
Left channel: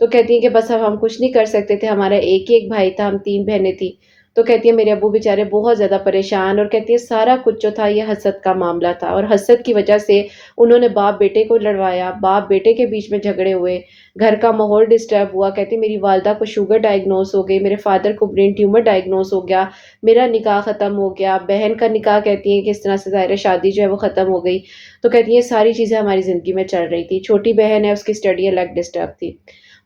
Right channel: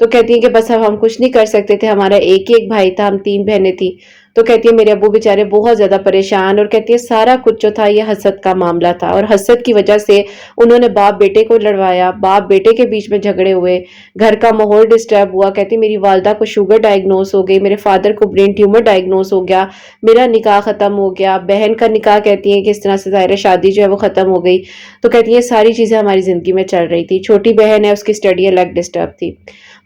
تو کہتی ہیں کہ بس اب ہم کچھ نہیں کر سکتے تھے، ہمارا ایک ہی ایک بھائی تھا، ہم 3 بہنیں تھی. تو کہتی ہے میرے ابو بیچارے بہت زیادہ پریشان، اور کہتی ہے سارا کچھ جو تھا یہ حسد کا معاملہ تھا، اور حسد کی وجہ سے انہوں نے باپ بیٹے کو لڑوایا، باپ بیٹے کے بیچ میں جھگڑے ہوئے، گھر کا ماحول ڈسٹرب ہوا. کہتی میری والدہ کو شوگر ڈائگنوز ہو گئی، میرے فادر کو برین ٹیومر ڈائگنوز ہو گیا، میرا نکاح ختم ہو گیا، بہن کا نکاح کہتی ہیں کہ اس طرح سے ظاہر شادی جو ہے وہ ختم ہو گئی. تو کہتی ہیں ساری چیزیں ہماری زندگی میں چل رہی تھی. چھوٹی بہن ہے، اس کی اسٹڈی الگ ڈسٹرب تھی.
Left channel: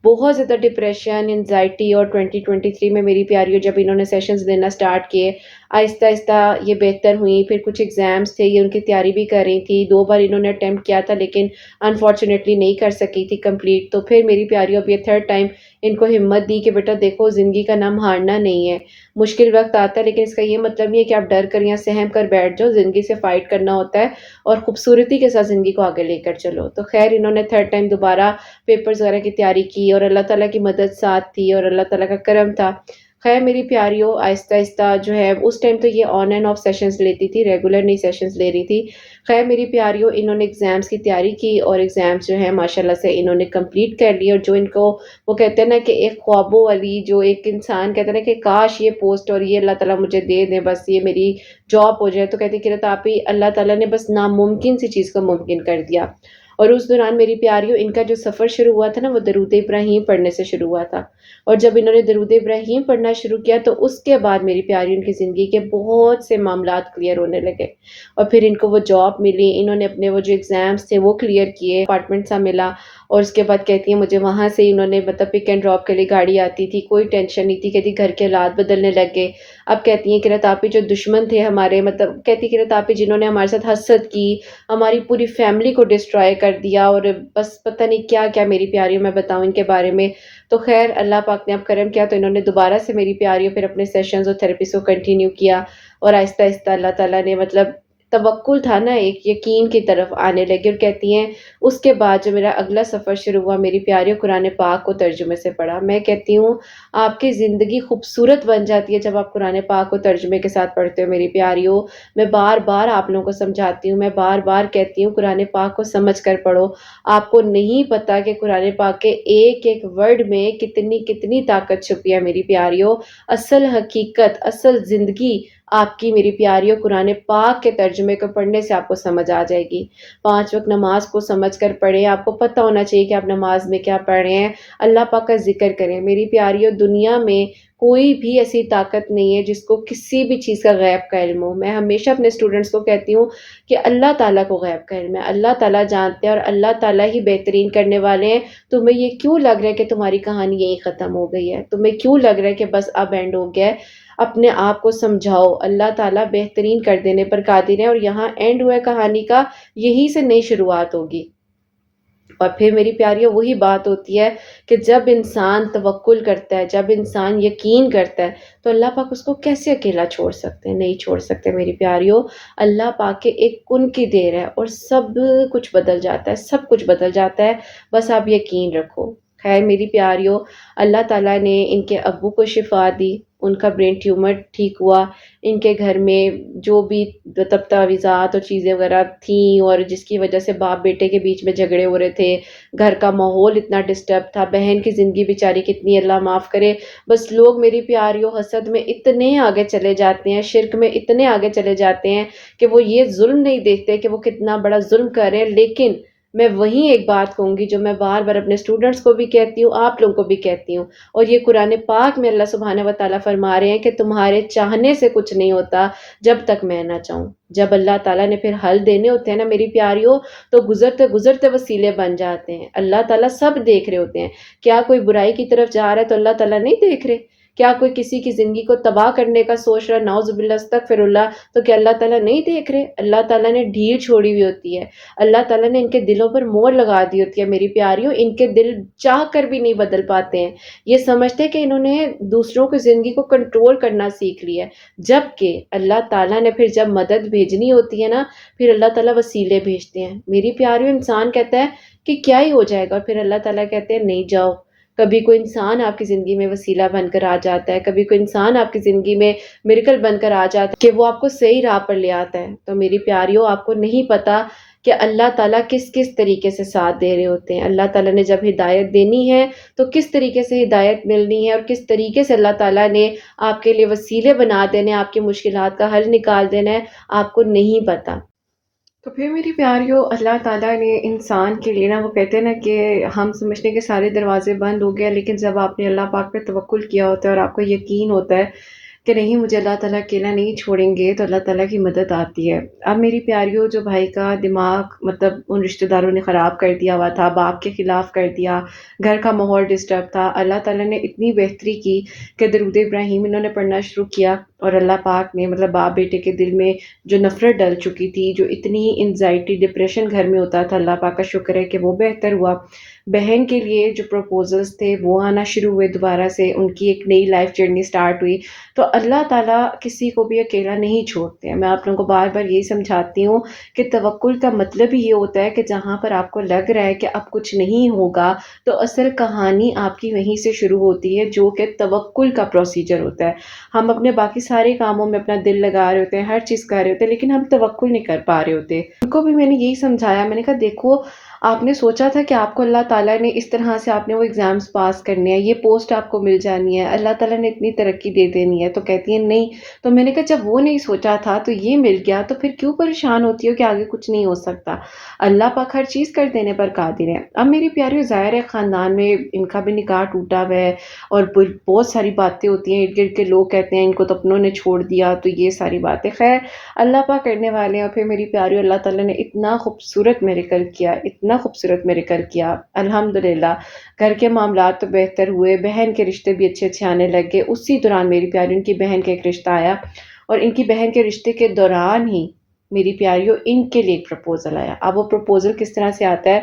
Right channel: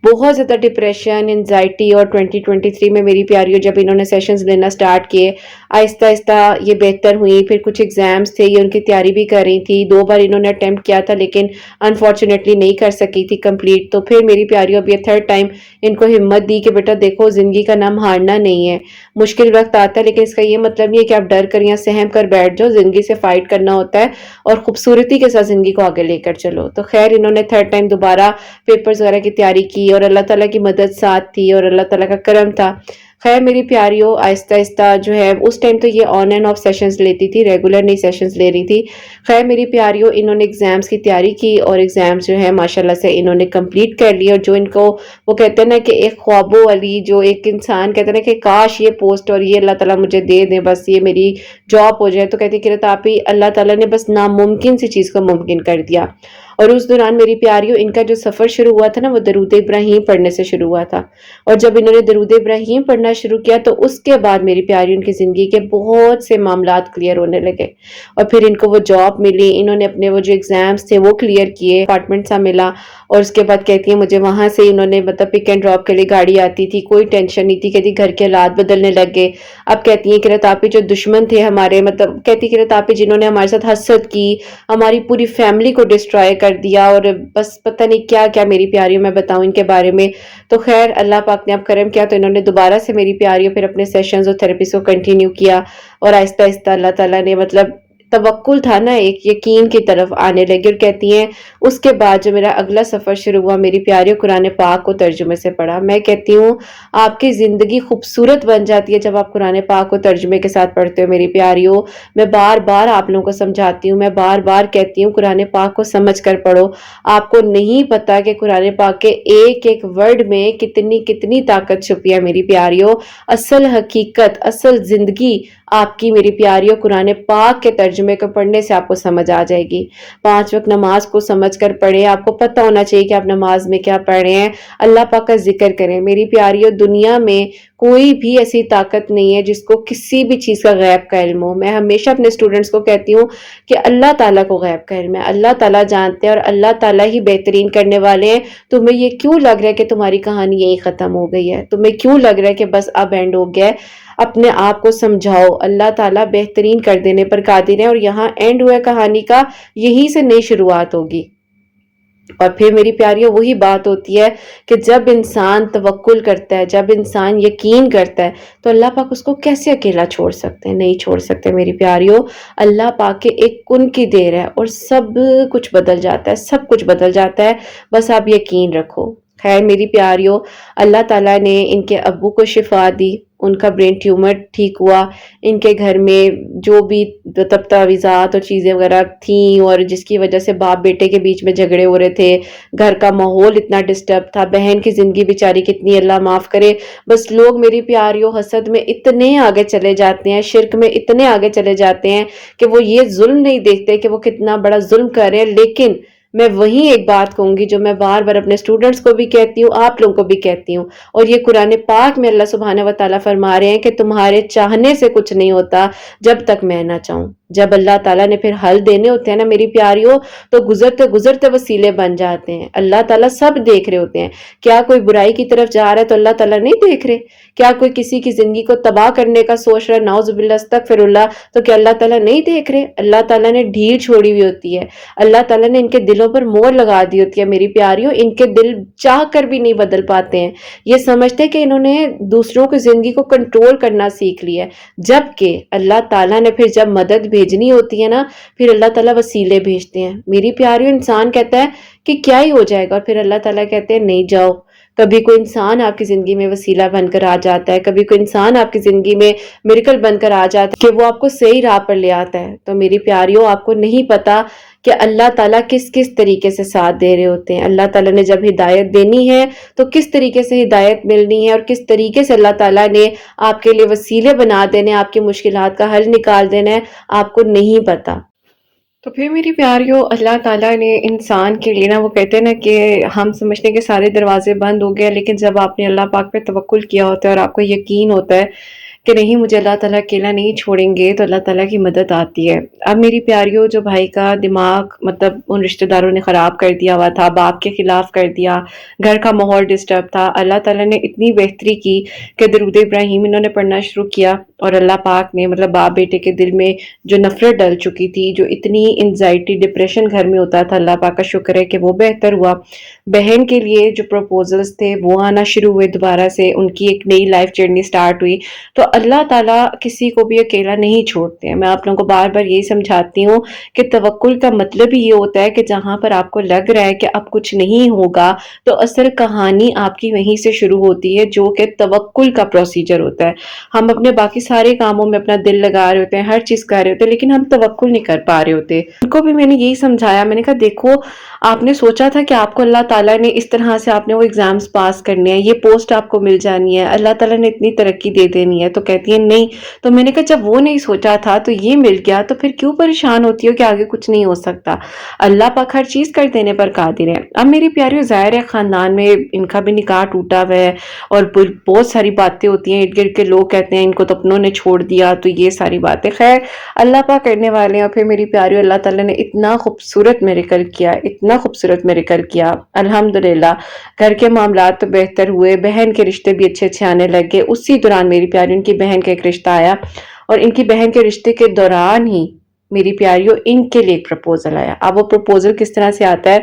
بہت زیادہ ڈپریشن، انزائٹی. اور 2023 میں میری پیاریوں جب انہوں نے سیشنز لینا سٹارٹ کیے، آہستہ آہستہ یہ بہتر ہوئی. پھر کچھ ایگزامز تھے، یہ ان کی تیاری بھی کر رہی تھی. 2 بار انہوں نے اٹیمپٹ کیا تھا لیکن انفارچونیٹلی نہیں کر سکی تھی کمپلیٹ. تو پھر میری پیاریوں اب یہ 3rd ٹائم ان کو ہمت دی کہ بیٹا دیکھو زندگی کا نام ہارنا نہیں ہے. مشکل وقت آتا ہے لیکن اس کا یہ مطلب نہیں ہے کہ آپ ڈر کر یا سہم کر بیٹھ جاؤ، زندگی سے فائٹ کرنا ہوتا ہے اور خوبصورتی کے ساتھ زندگی کو آگے لے کر چلو. تو خیر انہوں نے 3rd ٹائم دوبارہ پیپرز وغیرہ کی تیاری کی، اور اللہ تعالیٰ کی مدد ساتھ تھی اور اللہ تعالیٰ کا کرم تھا. خیر میری پیاریوں آہستہ آہستہ جو ہے اس ٹائم تو یہ آن اینڈ آف سیشنز لیتی تھی، ریگولر نہیں سیشنز لے رہی تھی. خیر میری پیاریوں انہوں نے ایگزامز کی تیاری کی، اور ایگزامز جو ہے ماشاءاللہ سے انہوں نے کمپلیٹ کر لی. اور جو ان کو وہ کہتے ہیں نا کہ ایک خوابوں والی، جو ایک انسان کہتے ہیں نا کہ کاش یہ پوسٹ اور یہ اللہ تعالیٰ مجھے دے دیں، بس یہ میری جاب ہو جائے. تو کہتی کہ آپ ہی اللہ تعالیٰ نے بس ناممکن سی چیز کو ممکن کر دیا. اور اس دوران میری پیاریوں ان کا جو سفر شروع ہوا تھا نا وہ درود ابراہیم پڑھنے سے شروع ہوا تھا. اور جب انہوں نے درود ابراہیم پڑھنا شروع کیا تو اس کے بعد میری پیاری ان کی زندگی کے بہت سے معاملات کلیئر ہونے لگے. اور پھر ان کو وہ جاب ملی، انہوں نے اپنے وہ جو ایگزامز تھے وہ کلیئر کیے، اپارٹمنٹ سا ملا. اور اس کے بعد کہتی ہیں مجھے وہاں سے انہوں نے مطلب پک اینڈ ڈراپ کے لیے گاڑی آتی تھی، کوئی ٹینشن نہیں تھی، کہتی گھر کے حالات بدلنے لگ گئے۔ اب کہتی ہیں کہ رتاپی جو دشمن تھے ہمارے، مطلب کہتی کہ رتاپی جنہوں نے ہمارے ساتھ حسد کی، ہماری پوری فیملی کو ڈسٹرائے کر دیا، اور بس پتہ نہیں کیا کیا میری پیاریوں میں بتاؤں ان کے بارے میں۔ تو خیر اللہ پاک نے اب کرم کیا، تو انہوں نے دوبارہ سے میری پیاریوں پھر اپنے سیشنز اور تھراپیز کو کنٹینیو کیا، اور آہستہ آہستہ اللہ تعالیٰ نے مطلب توکل تھا نا، ایک یقین کی طرف آنے لگے۔ اور کہتی ہیں اس کے بعد جو میرا اگلا سفر شروع ہوا میری پیاریوں، قرآن پاک کو ترجمے سے پڑھا۔ میں کہتی ہوں آپ کی زندگی خوبصورت بن جاتی ہے جب آپ قرآن پاک کو ترجمے کے ساتھ پڑھتے ہو میری پیاریوں۔ میں بار بار آپ لوگوں کو سمجھاتی ہوں، میں بار بار کہتی ہوں قرآن پاک کو سمجھ کر پڑھو۔ آپ کو نہیں پتا کہ قرآن پاک کے ایک ایک ورڈ میں کتنی کتنی طاقت چھپی ہے میری پیاریوں۔ اصل حقیقت، اصل زندگی آپ کی میری پیاریوں قرآن پاک کے ترجمے کو پڑھنے سے آپ کو سمجھ آ جائے گی۔ 5 وقت نماز کو سمجھ کر پڑھیں، آپ کو پتہ ہونا چاہیے کہ آپ نماز میں کیا پڑھ رہے ہیں، اللہ پاک کا ذکر کریں۔ میری پیاریوں دنیا میں کوئی بھی ایسی طاقت نہیں ہے جس کو کسی بھی چیز کا غیب کا علم ہو۔ میں ہمیشہ اپنے اسٹوڈنٹس کو کہتی ہوں کہ اللہ تعالیٰ کو غیب کا علم ہے، اللہ تعالیٰ جانتے ہیں اور اللہ تعالیٰ ہی بہترین کرنے والے ہیں۔ تمہیں یہ کیوں لگ رہا ہے کہ تمہاری کہانی یہی ختم ہو گئی ہے؟ تمہیں کیوں لگ رہا ہے کہ بس اب اینڈ ہو گیا ہے؟ اپنے آپ کو سمجھاؤ، اللہ تعالیٰ بہترین کر دینے پر قادر ہے، اور یہاں اینڈ ہوا ہے کہانی کا، یہیں سے نئی شروعات ہوگی۔ اور پھر میری پیاریوں وہی بات ہوتی ہے کہ جب انسان توکل کرتا ہے، جب انسان یقین کرتا ہے، تو اللہ پاک اس کو کیسے اکیلا چھوڑ سکتے ہیں؟ نہیں چھوڑ سکتے میری پیاریوں۔ اللہ پاک کے ایک کن کی دیر ہے اور سب کچھ بدل جاتا ہے، سب کچھ بدل جاتا ہے، بس آپ یقین رکھو۔ خیر میری پیاریوں، اللہ تعالیٰ نے ان کے ابو کو شفا دی، ان کا برین ٹیومر ٹھیک ہوا، ان کے گھر میں جو بھی تعویذات اور چیزیں وغیرہ تھیں، اور جس کی وجہ سے باپ بیٹے کے بیچ میں جھگڑے ہو رہے تھے، گھر کا ماحول اتنا ڈسٹرب تھا، بہن کی زندگی بیچاری کتنی اللہ معاف کرے، بس لوگ میری پیاریوں حسد میں اتنے آگے چلے جاتے ہیں، شرک میں اتنے آگے چلے جاتے ہیں کہ وہ یہ ظلم نہیں دیکھتے کہ وہ کتنا بڑا ظلم کر رہے ہیں۔ لیکن میں وہی ایک بات کہوں گی جو میں بار بار اپنے اسٹوڈنٹس کو بھی کہتی ہوں، آپ لوگوں کو بھی کہتی ہوں، اور یہ قرآن پاک میں اللہ سبحانہ و تعالیٰ فرما رہے ہیں کہ تمہارے چاہنے سے کچھ نہیں ہوتا جب تک میں نہ چاہوں۔ جب اللہ تعالیٰ نے پھر حل دینے ہوتے ہیں نا میری پیاریوں، تو گزرتے گزرتے وسیلے بن جاتے ہیں۔ اللہ تعالیٰ سب دیکھ رہے ہوتے ہیں۔ کیا کوئی برائی کی طرف جا رہا ہے تو اللہ تعالیٰ نہیں دیکھ رہے؟ کیا کوئی کسی کی زندگی کو تباہ کرنے کا سوچ رہا، نعوذ باللہ استغفر اللہ، تو کیا اللہ تعالیٰ نہیں دیکھ رہے؟ اللہ تعالیٰ نے ڈھیل چھوڑی ہوئی ہوتی ہے، اللہ تعالیٰ نے ان کے دلوں پر مور لگا دی ہوتی ہے میری پیاریوں۔ ان کے دل چاہ کر بھی نہیں بدل پاتے ہیں، یہ سمجھتے کہ انہوں نے دوسروں کی زندگی کو کنٹرول کرنا سیکھ لیا ہے، جبکہ اللہ تعالیٰ نے پھر جب مدد بھیجنی ہوتی ہے نا، پھر اللہ تعالیٰ وسیلے بھیجتے ہیں میری پیاریوں۔ انسان کہتا ہے کہ کیا ہی ہو جائے گا، اور پھر اللہ تعالیٰ کہتے ہیں نہیں جاؤ۔ کبھی کوئی انسان آپ کی زندگی میں وسیلہ بن کر آ جاتا ہے، کبھی کوئی انسان آپ کی زندگی میں میریکل بن کر آ جاتا ہے کہ وہ آپ کو صحیح راہ پر لے آتا ہے۔ تو میری پیاریوں آپ کو نہیں پتا کہ اللہ تعالیٰ کس کس طریقے سے ساتھ دے رہے ہوتے ہیں۔ اللہ تعالیٰ نے جب ہدایت دینی ہے تو کس طریقے سے ہدایت ملنی ہے، اور کس طریقے سے اللہ تعالیٰ نے آپ کے لیے وسیلے بنا دینے، آپ کی مشکلات کا حل نکال دینا ہے، آپ کو نہیں پتا۔ تو پھر میری پیاریوں اللہ تعالیٰ نے انسان کے لیے نا، وہ کہتے ہیں نا کہ ہم سمجھتے ہیں کہ سارے دروازے بند ہو گئے، لیکن جب آپ نے اللہ پاک پہ توکل کیا ہوتا ہے اور آپ کو یقین ہوتا ہے کہ نہیں مجھے اللہ تعالیٰ اکیلا نہیں چھوڑیں گے، تو اللہ تعالیٰ کی مدد آتی ہے۔ اب میری پیاریوں جو بھائی کا دماغ مطلب ان رشتہ داروں نے خراب کر دیا ہوا تھا، باپ کے خلاف کر دیا، گھر کا ماحول ڈسٹرب تھا، اللہ تعالیٰ نے اتنی بہتری کی کہ درود ابراہیم انہوں نے پڑھنا شروع کیا، اور اللہ پاک نے مطلب باپ بیٹے کے دل میں جو نفرت ڈل چکی تھی، جو اتنی انزائٹی ڈپریشن گھر میں ہوتا تھا، اللہ پاک کا شکر ہے کہ وہ بہتر ہوا۔ بہن کے لیے جو پروپوزلز تھے وہ آنا شروع ہوئے دوبارہ سے، ان کی ایک نئی لائف جرنی سٹارٹ ہوئی۔ تو اللہ تعالیٰ کسی کو بھی اکیلا نہیں چھوڑتے ہیں۔ میں آپ لوگوں کو بار بار یہی سمجھاتی ہوں کہ توکل کا مطلب ہی یہ ہوتا ہے کہ جہاں پر آپ کو لگ رہا ہے کہ اب کچھ نہیں ہوگا، تو اصل کہانی آپ کی وہیں سے شروع ہوتی ہے، جو کہ توکل کا پروسیجر ہوتا ہے۔ ہم اپنے باقی سارے کاموں میں اپنا دل لگا رہے ہوتے ہیں، ہر چیز کر رہے ہوتے ہیں، لیکن ہم توکل نہیں کر پا رہے ہوتے۔ ان کو بھی میں نے یہی سمجھایا، میں نے کہا دیکھو آپ نے سوچا تھا کہ آپ کو اللہ تعالیٰ نے اس طرح سے آپ نے وہ ایگزامز پاس کرنے ہیں، یہ پوسٹ آپ کو مل جانی ہے، اللہ تعالیٰ نے اتنی ترقی دے دینی ہے، تو کہتی ہیں نہیں. تو میں نے کہا جب وہ نہیں سوچا تھا تو یہ مل گیا تو پھر کیوں پریشان ہوتی ہو کہ آگے کچھ نہیں ہو سکتا. اللہ پاک ہر چیز کر دینے پر قادر ہے. اب میری پیاریو ظاہر ہے خاندان میں ان کا بھی نکاح ٹوٹا ہوا ہے اور بہت ساری باتیں ہوتی ہیں. ارد گرد کے لوگ کہتے ہیں ان کو تو اپنوں نے چھوڑ دیا, تو یہ ساری باتیں خیر اللہ پاک کرنے والے ہیں. اور پھر میری پیاریو اللہ تعالیٰ نے اتنا خوبصورت میریکل کیا, اتنا خوبصورت میریکل کیا الحمدللہ. گھر کے معاملات تو بہتر ہوئے, بہن کے رشتے بھی اچھے اچھے آنے لگے. اسی دوران میری پیاری ان کی بہن کا ایک رشتہ آیا اور ان کی بہن کے رشتے کے دوران ہی میری پیاریوں ان کے لیے ایک پرپوزل آیا. اب وہ پرپوزل کس طرح سے آتا ہے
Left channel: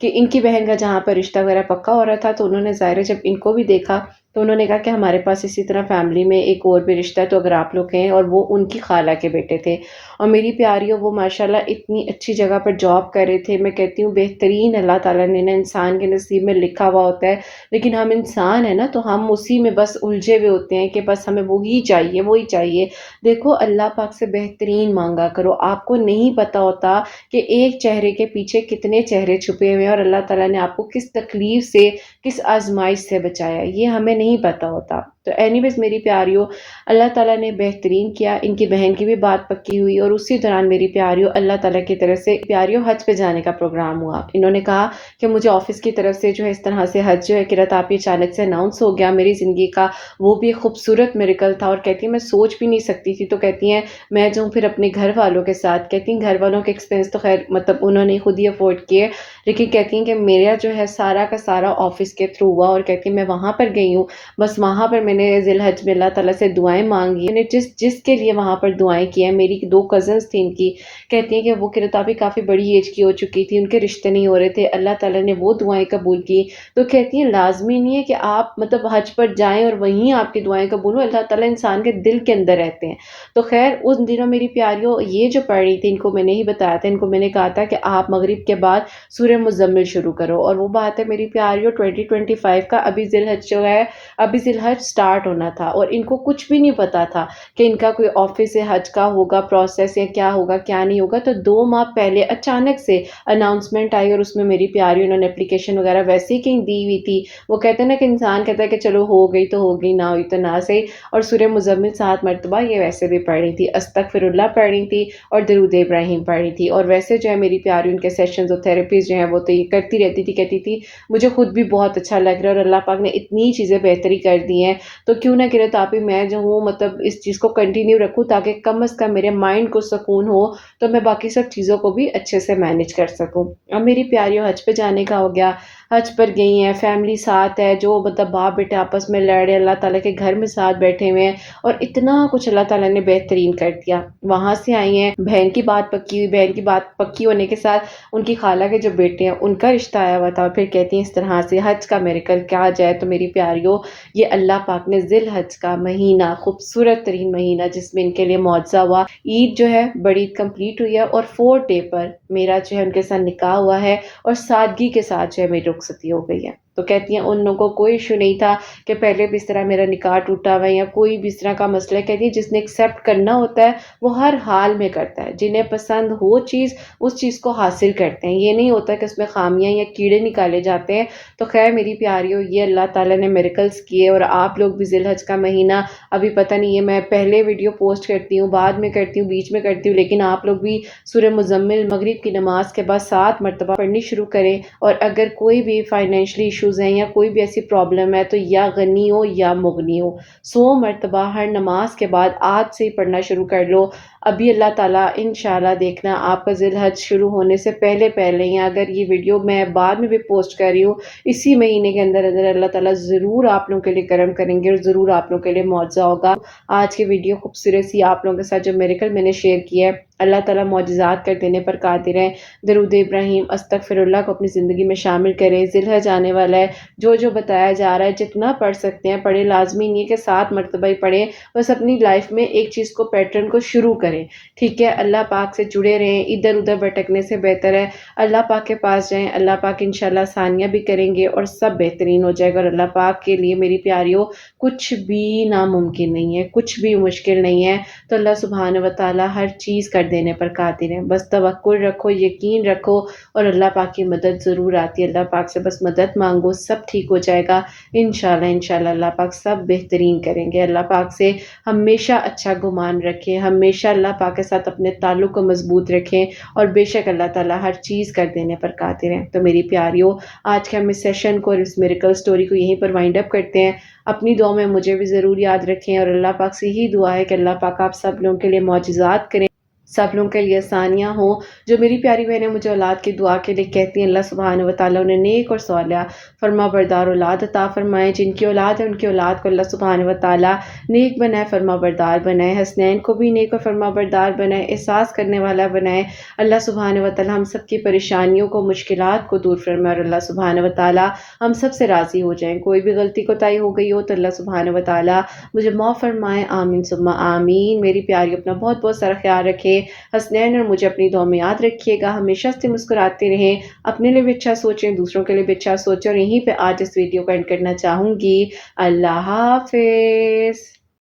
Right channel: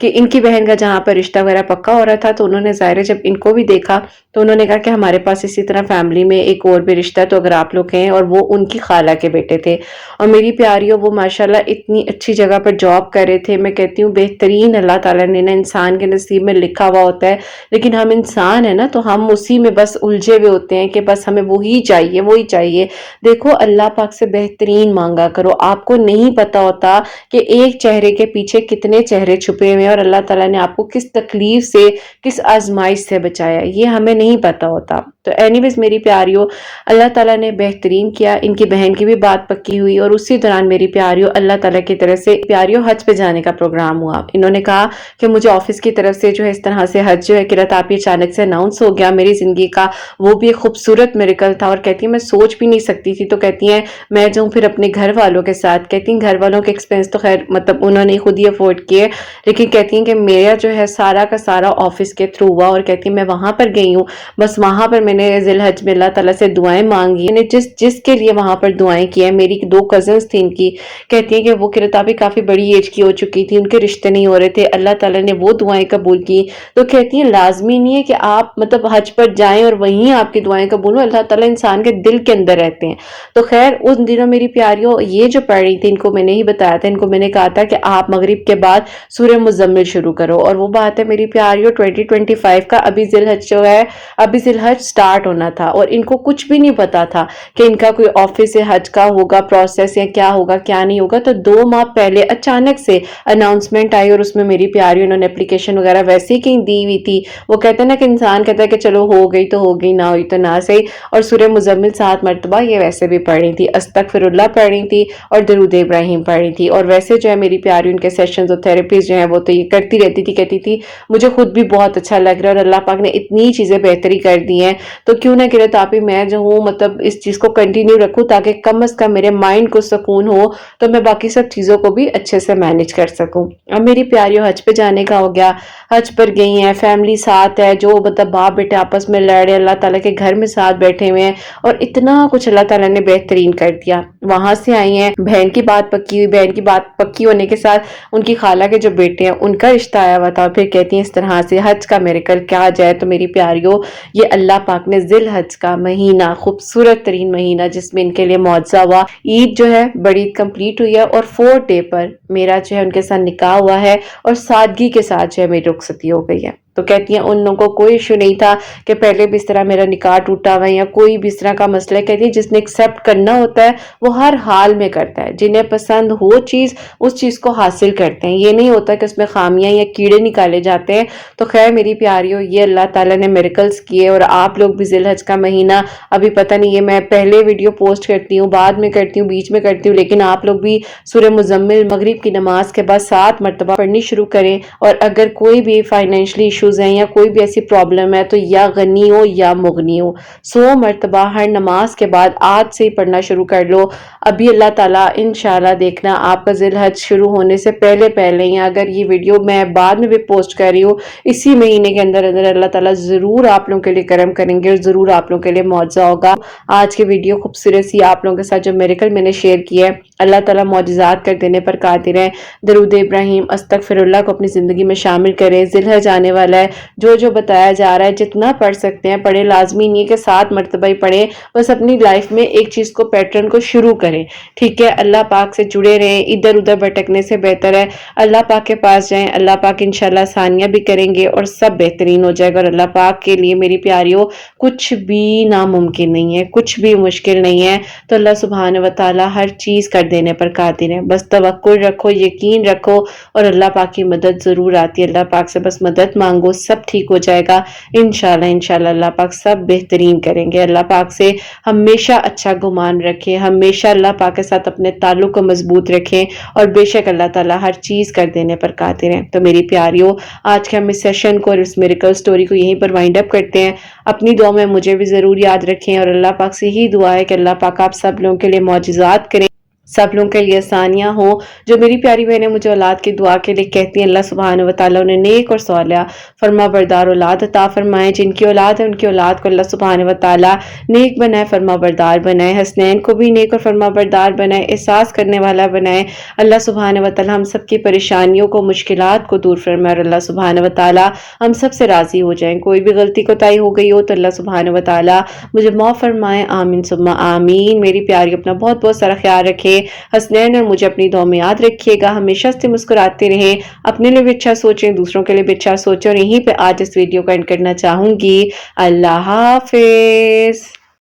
کہ ان کی بہن کا جہاں پر رشتہ وغیرہ پکا ہو رہا تھا تو انہوں نے ظاہر ہے جب ان کو بھی دیکھا تو انہوں نے کہا کہ ہمارے پاس اسی طرح فیملی میں ایک اور بھی رشتہ ہے تو اگر آپ لوگ ہیں, اور وہ ان کی خالہ کے بیٹے تھے. اور میری پیاریوں وہ ماشاءاللہ اتنی اچھی جگہ پر جاب کر رہے تھے. میں کہتی ہوں بہترین اللہ تعالیٰ نے نا انسان کے نصیب میں لکھا ہوا ہوتا ہے, لیکن ہم انسان ہیں نا تو ہم اسی میں بس الجھے ہوئے ہوتے ہیں کہ بس ہمیں وہی چاہیے وہی چاہیے. دیکھو اللہ پاک سے بہترین مانگا کرو. آپ کو نہیں پتا ہوتا کہ ایک چہرے کے پیچھے کتنے چہرے چھپے ہوئے ہیں اور اللہ تعالیٰ نے آپ کو کس تکلیف سے کس آزمائش سے بچایا یہ ہمیں نہیں پتا ہوتا. تو اینی ویز میری پیاریوں اللہ تعالیٰ نے بہترین کیا. ان کی بہن کی بھی بات پکی ہوئی اور اسی دوران میری پیاریوں اللہ تعالیٰ کی طرف سے پیاریوں حج پہ جانے کا پروگرام ہوا. انہوں نے کہا کہ مجھے آفس کی طرف سے جو ہے اس طرح سے حج جو ہے قرۃ آپ اچانک سے اناؤنس ہو گیا میری زندگی کا. وہ بھی ایک خوبصورت میریکل تھا اور کہتی ہیں میں سوچ بھی نہیں سکتی تھی. تو کہتی ہیں میں جو پھر اپنے گھر والوں کے ساتھ, کہتی ہیں گھر والوں کے ایکسپینس تو خیر مطلب انہوں نے خود ہی افورڈ کیے, لیکن کہتی ہیں کہ میرا جو ہے سارا کا سارا آفس کے تھرو ہوا. اور کہتی ہیں میں وہاں پر گئی ہوں, بس وہاں پر میں نے ذی الحج میں اللہ تعالیٰ سے دعائیں مانگی. میں نے جس کے لیے وہاں پر دعائیں کی ہیں, میری 2 کزنس تھیں ان کی, کہتی ہیں کہ وہ کرتابی کافی بڑی ایج کی ہو چکی تھی, ان کے رشتے نہیں ہو رہے تھے, اللہ تعالیٰ نے وہ دعائیں قبول کی. تو کہتی ہیں لازمی نہیں ہے کہ آپ مطلب حج پر جائیں اور وہیں آپ کی دعائیں قبول ہوں, اللہ تعالیٰ انسان کے دل کے اندر رہتے ہیں. تو خیر ان دنوں میری پیاریوں یہ جو پڑھ رہی تھی ان کو میں نے ہی بتایا تھا, ان کو میں نے کہا تھا کہ آپ مغرب کے بعد سورہ مزمل شروع کرو. اور وہ بات ہے میری پیاریوں 2025 کا ابھی ذی الحج جو ہے ابھی ذی الحج سٹارٹ ہونا تھا اور ان کو کچھ بھی نہیں پتا تھا کہ ان کا کوئی آفس سے حج کا ہوگا پروسیس یا کیا ہوگا کیا نہیں ہوگا. تو 2 ماہ پہلے اچانک سے اناؤنسمنٹ آئی اور اس میں میری پیاری انہوں نے اپلیکیشن وغیرہ ویسے ہی کہیں دی ہوئی تھی. وہ کہتے ہیں نا کہ انسان کہتا ہے کہ چلو ہو گئی تو ہو گئی, نہ ہوئی تو نہ صحیح. اور سورہ مزمل 7 مرتبہ یہ ویسے بھی پڑھ رہی تھی, استغفر اللہ پڑھ رہی تھی اور درود ابراہیم پڑھ رہی تھی. اور ویسے جو ہے میری پیاری ان کے سیشنز اور تھراپیز جو ہیں وہ تو یہ کرتی رہتی تھی, کہتی تھی مجھے خود بھی بہت اچھا لگ رہا ہے اور اللہ پاک نے اتنی چیزیں بہتری کر دی ہیں تو کیوں نہ کرے تاپی میں جو ہوں مطلب اس چیز کو کنٹینیو رکھوں تاکہ کم از کم میرے مائنڈ کو سکون ہو تو میں باقی سب چیزوں کو بھی اچھے سے مینج کر سکوں. اب میری پیاریوں حج پہ جانے کا ہو گیا, حج پر گئی ہیں, فیملی ساتھ ہے, جو مطلب باپ بیٹے آپس میں لڑ رہے, اللہ تعالیٰ کے گھر میں ساتھ بیٹھے ہوئے ہیں اور اتنا کچھ اللہ تعالیٰ نے بہترین کر دیا. وہاں سے آئی ہیں, بہن کی بات پکی ہوئی, بہن کی بات پکی ہونے کے ساتھ ان کی خالہ کے جو بیٹے ہیں ان کا رشتہ آیا ہوا تھا. پھر کہتی ہیں اس طرح سے حج کا میریکل کیا جائے. تو میری پیاریوں یہ اللہ پاک نے ذی الحج کا مہینہ, خوبصورت ترین مہینہ جس میں ان کے لیے معجزہ ہوا, عید جو ہے بڑی عید کمپلیٹ ہوئی ہے اور 4th ڈے پر میرا جو ہے ان کے ساتھ نکاح ہوا ہے اور سادگی کے ساتھ جو ہے میری رخصتی ہو گئی ہے. تو کہتی ہیں ان لوگوں کو کوئی ایشو نہیں تھا کہ پہلے بھی اس طرح میرا نکاح ٹوٹا ہوا ہے یا کوئی بھی اس طرح کا مسئلہ ہے. کہتی ہے جس نے ایکسیپٹ کرنا ہوتا ہے وہ ہر حال میں کرتا ہے, جنہیں پسند ہو چیز اس چیز کو حاصل کرتے ہیں. یہ نہیں ہوتا کہ اس میں خامیاں یا کیڑے نکالے جاتے ہیں. تو خیر میری پیاریوں یہ اللہ تعالیٰ نے میریکلز کیے اور آپ لوگ بھی ذی الحج کا مہینہ ابھی پتہ نہیں, یہ میں پہلے ویڈیو پوسٹ کرتی ہوں, بعد میں کرتی ہوں, بیچ میں کرتی ہوں, لیکن آپ لوگ بھی سورہ مزمل مغرب کی نماز کے بعد 7 مرتبہ پڑھنی شروع کریں. اور اگر کوئی بھی فائنینشلی ایشوز ہیں یا کوئی بھی ایسی پرابلم ہے تو یا غنی ہو یا مغنی ہو 100 مرتبہ ہر نماز کے بعد آج سے ہی پڑھنا شروع کر لو. ابھی اللہ تعالیٰ انشاءاللہ دیکھنا آپ کا ذی الحج شروع ہونے سے پہلے پہلے ہی, اگر یہ ویڈیو میں بعد میں بھی پوسٹ کر رہی ہوں اسی مہینے کے اندر اندر اللہ تعالیٰ ضرور آپ لوگوں کے لیے کرم کریں گے اور ضرور آپ لوگوں کے لیے معجزہ ہوگا. آج کی ویڈیو خوبصورت سی آپ لوگوں کے ساتھ جو میریکل میں نے شیئر کیا ہے, اللہ تعالیٰ معجزات کر دینے پر قادر ہے. درود ابراہیم استغفر اللہ کو اپنی زندگی میں شامل کریں. ذی الحج آنے والا ہے, جو بتایا جا رہا ہے جتنا پڑھ سکتے ہیں پڑھیں, لازمی نہیں ہے کہ 7 مرتبہ ہی پڑھیں, بس اپنی لائف میں ایک چیز کو پیٹرن کو شروع کریں. ٹھیک ہے, اللہ پاک سے جڑے رہیں, ادھر ادھر بھٹکنے سے بہتر ہے اللہ پاک کے پاس جائیں. اللہ پاک انشاءاللہ آسانیاں بھی کریں گے اور سب بہترین ہو جائے گا. اور اللہ پاک کے لیے میری پیاریوں کچھ بھی ناممکن نہیں ہے, کچھ بھی مشکل نہیں ہے. تو اللہ سبحانہ و تعالی ہر چیز کر دینے پر قادر ہیں۔ بس توکل رکھو، یقین رکھو اور اللہ پاک کی مدد ضرور آتی ہے۔ اللہ پاک سے بس مدد مانگو، سب ٹھیک ہو جائے گا انشاءاللہ اللہ پاک سب بہترین کریں گے۔ اللہ پاک سے ہمیشہ اچھا گمان رکھیں، ہمیشہ اللہ پاک کے ساتھ اپنے تعلق کو مضبوط رکھیں اور بے شک اللہ تعالیٰ ہر چیز کر دینے پر قادر ہیں۔ تو میری پیاریوں، آج کے ہم اس سیشن کو اور اس میریکل سٹوری کو یہیں پر وائنڈ اپ کرتے ہیں۔ اپنی دعا میں مجھے بھی ضرور یاد رکھیں اور اللہ پاک سے ہی دعا ہے کہ اللہ پاک آپ سب لوگوں کے لیے معجزات کریں، سب لوگوں کے لیے آسانیاں ہوں۔ جو میری پیاری بہنیں مجھے اولاد کی دعا کے لیے کہتی ہیں، اللہ سبحانہ وتعالیٰ انہیں نیک اور صالحہ فرما بردار اولاد عطا فرمائے۔ جن کی اولاد ہے ان کی اولاد کو اللہ سبحانہ وتعالیٰ نیک بنائے، فرما بردار بنائے، حسنین کو بھی نیک اور فرما بردار بنائے، احساس کرنے والا بنائے۔ اللہ سبحانہ وتعالیٰ ہم سب کی پریشانیوں کو، مشکلات کو دور فرمائے اور اللہ سبحانہ وتعالیٰ ہم سب سے راضی ہو جائیں۔ کوئی بھی غلطی کوتاہی ہو گئی ہو تو اللہ سبحانہ وتعالیٰ مجھے معاف فرمائے، آمین ثم آمین۔ میری پیاری اپنا بہت بہت سارا خیال رکھے، حسنین اور مجھے اپنی دعا میں یاد رکھیے گا، ہمیشہ سے مسکراتے رہیں، اپنے لیے بھی اچھا سوچیں، دوسروں کے لیے بھی اچھا سوچیں، اور یہیں پہ آج اس ویڈیو کو اینڈ کرنا چاہوں گی۔ اللہ حافظ۔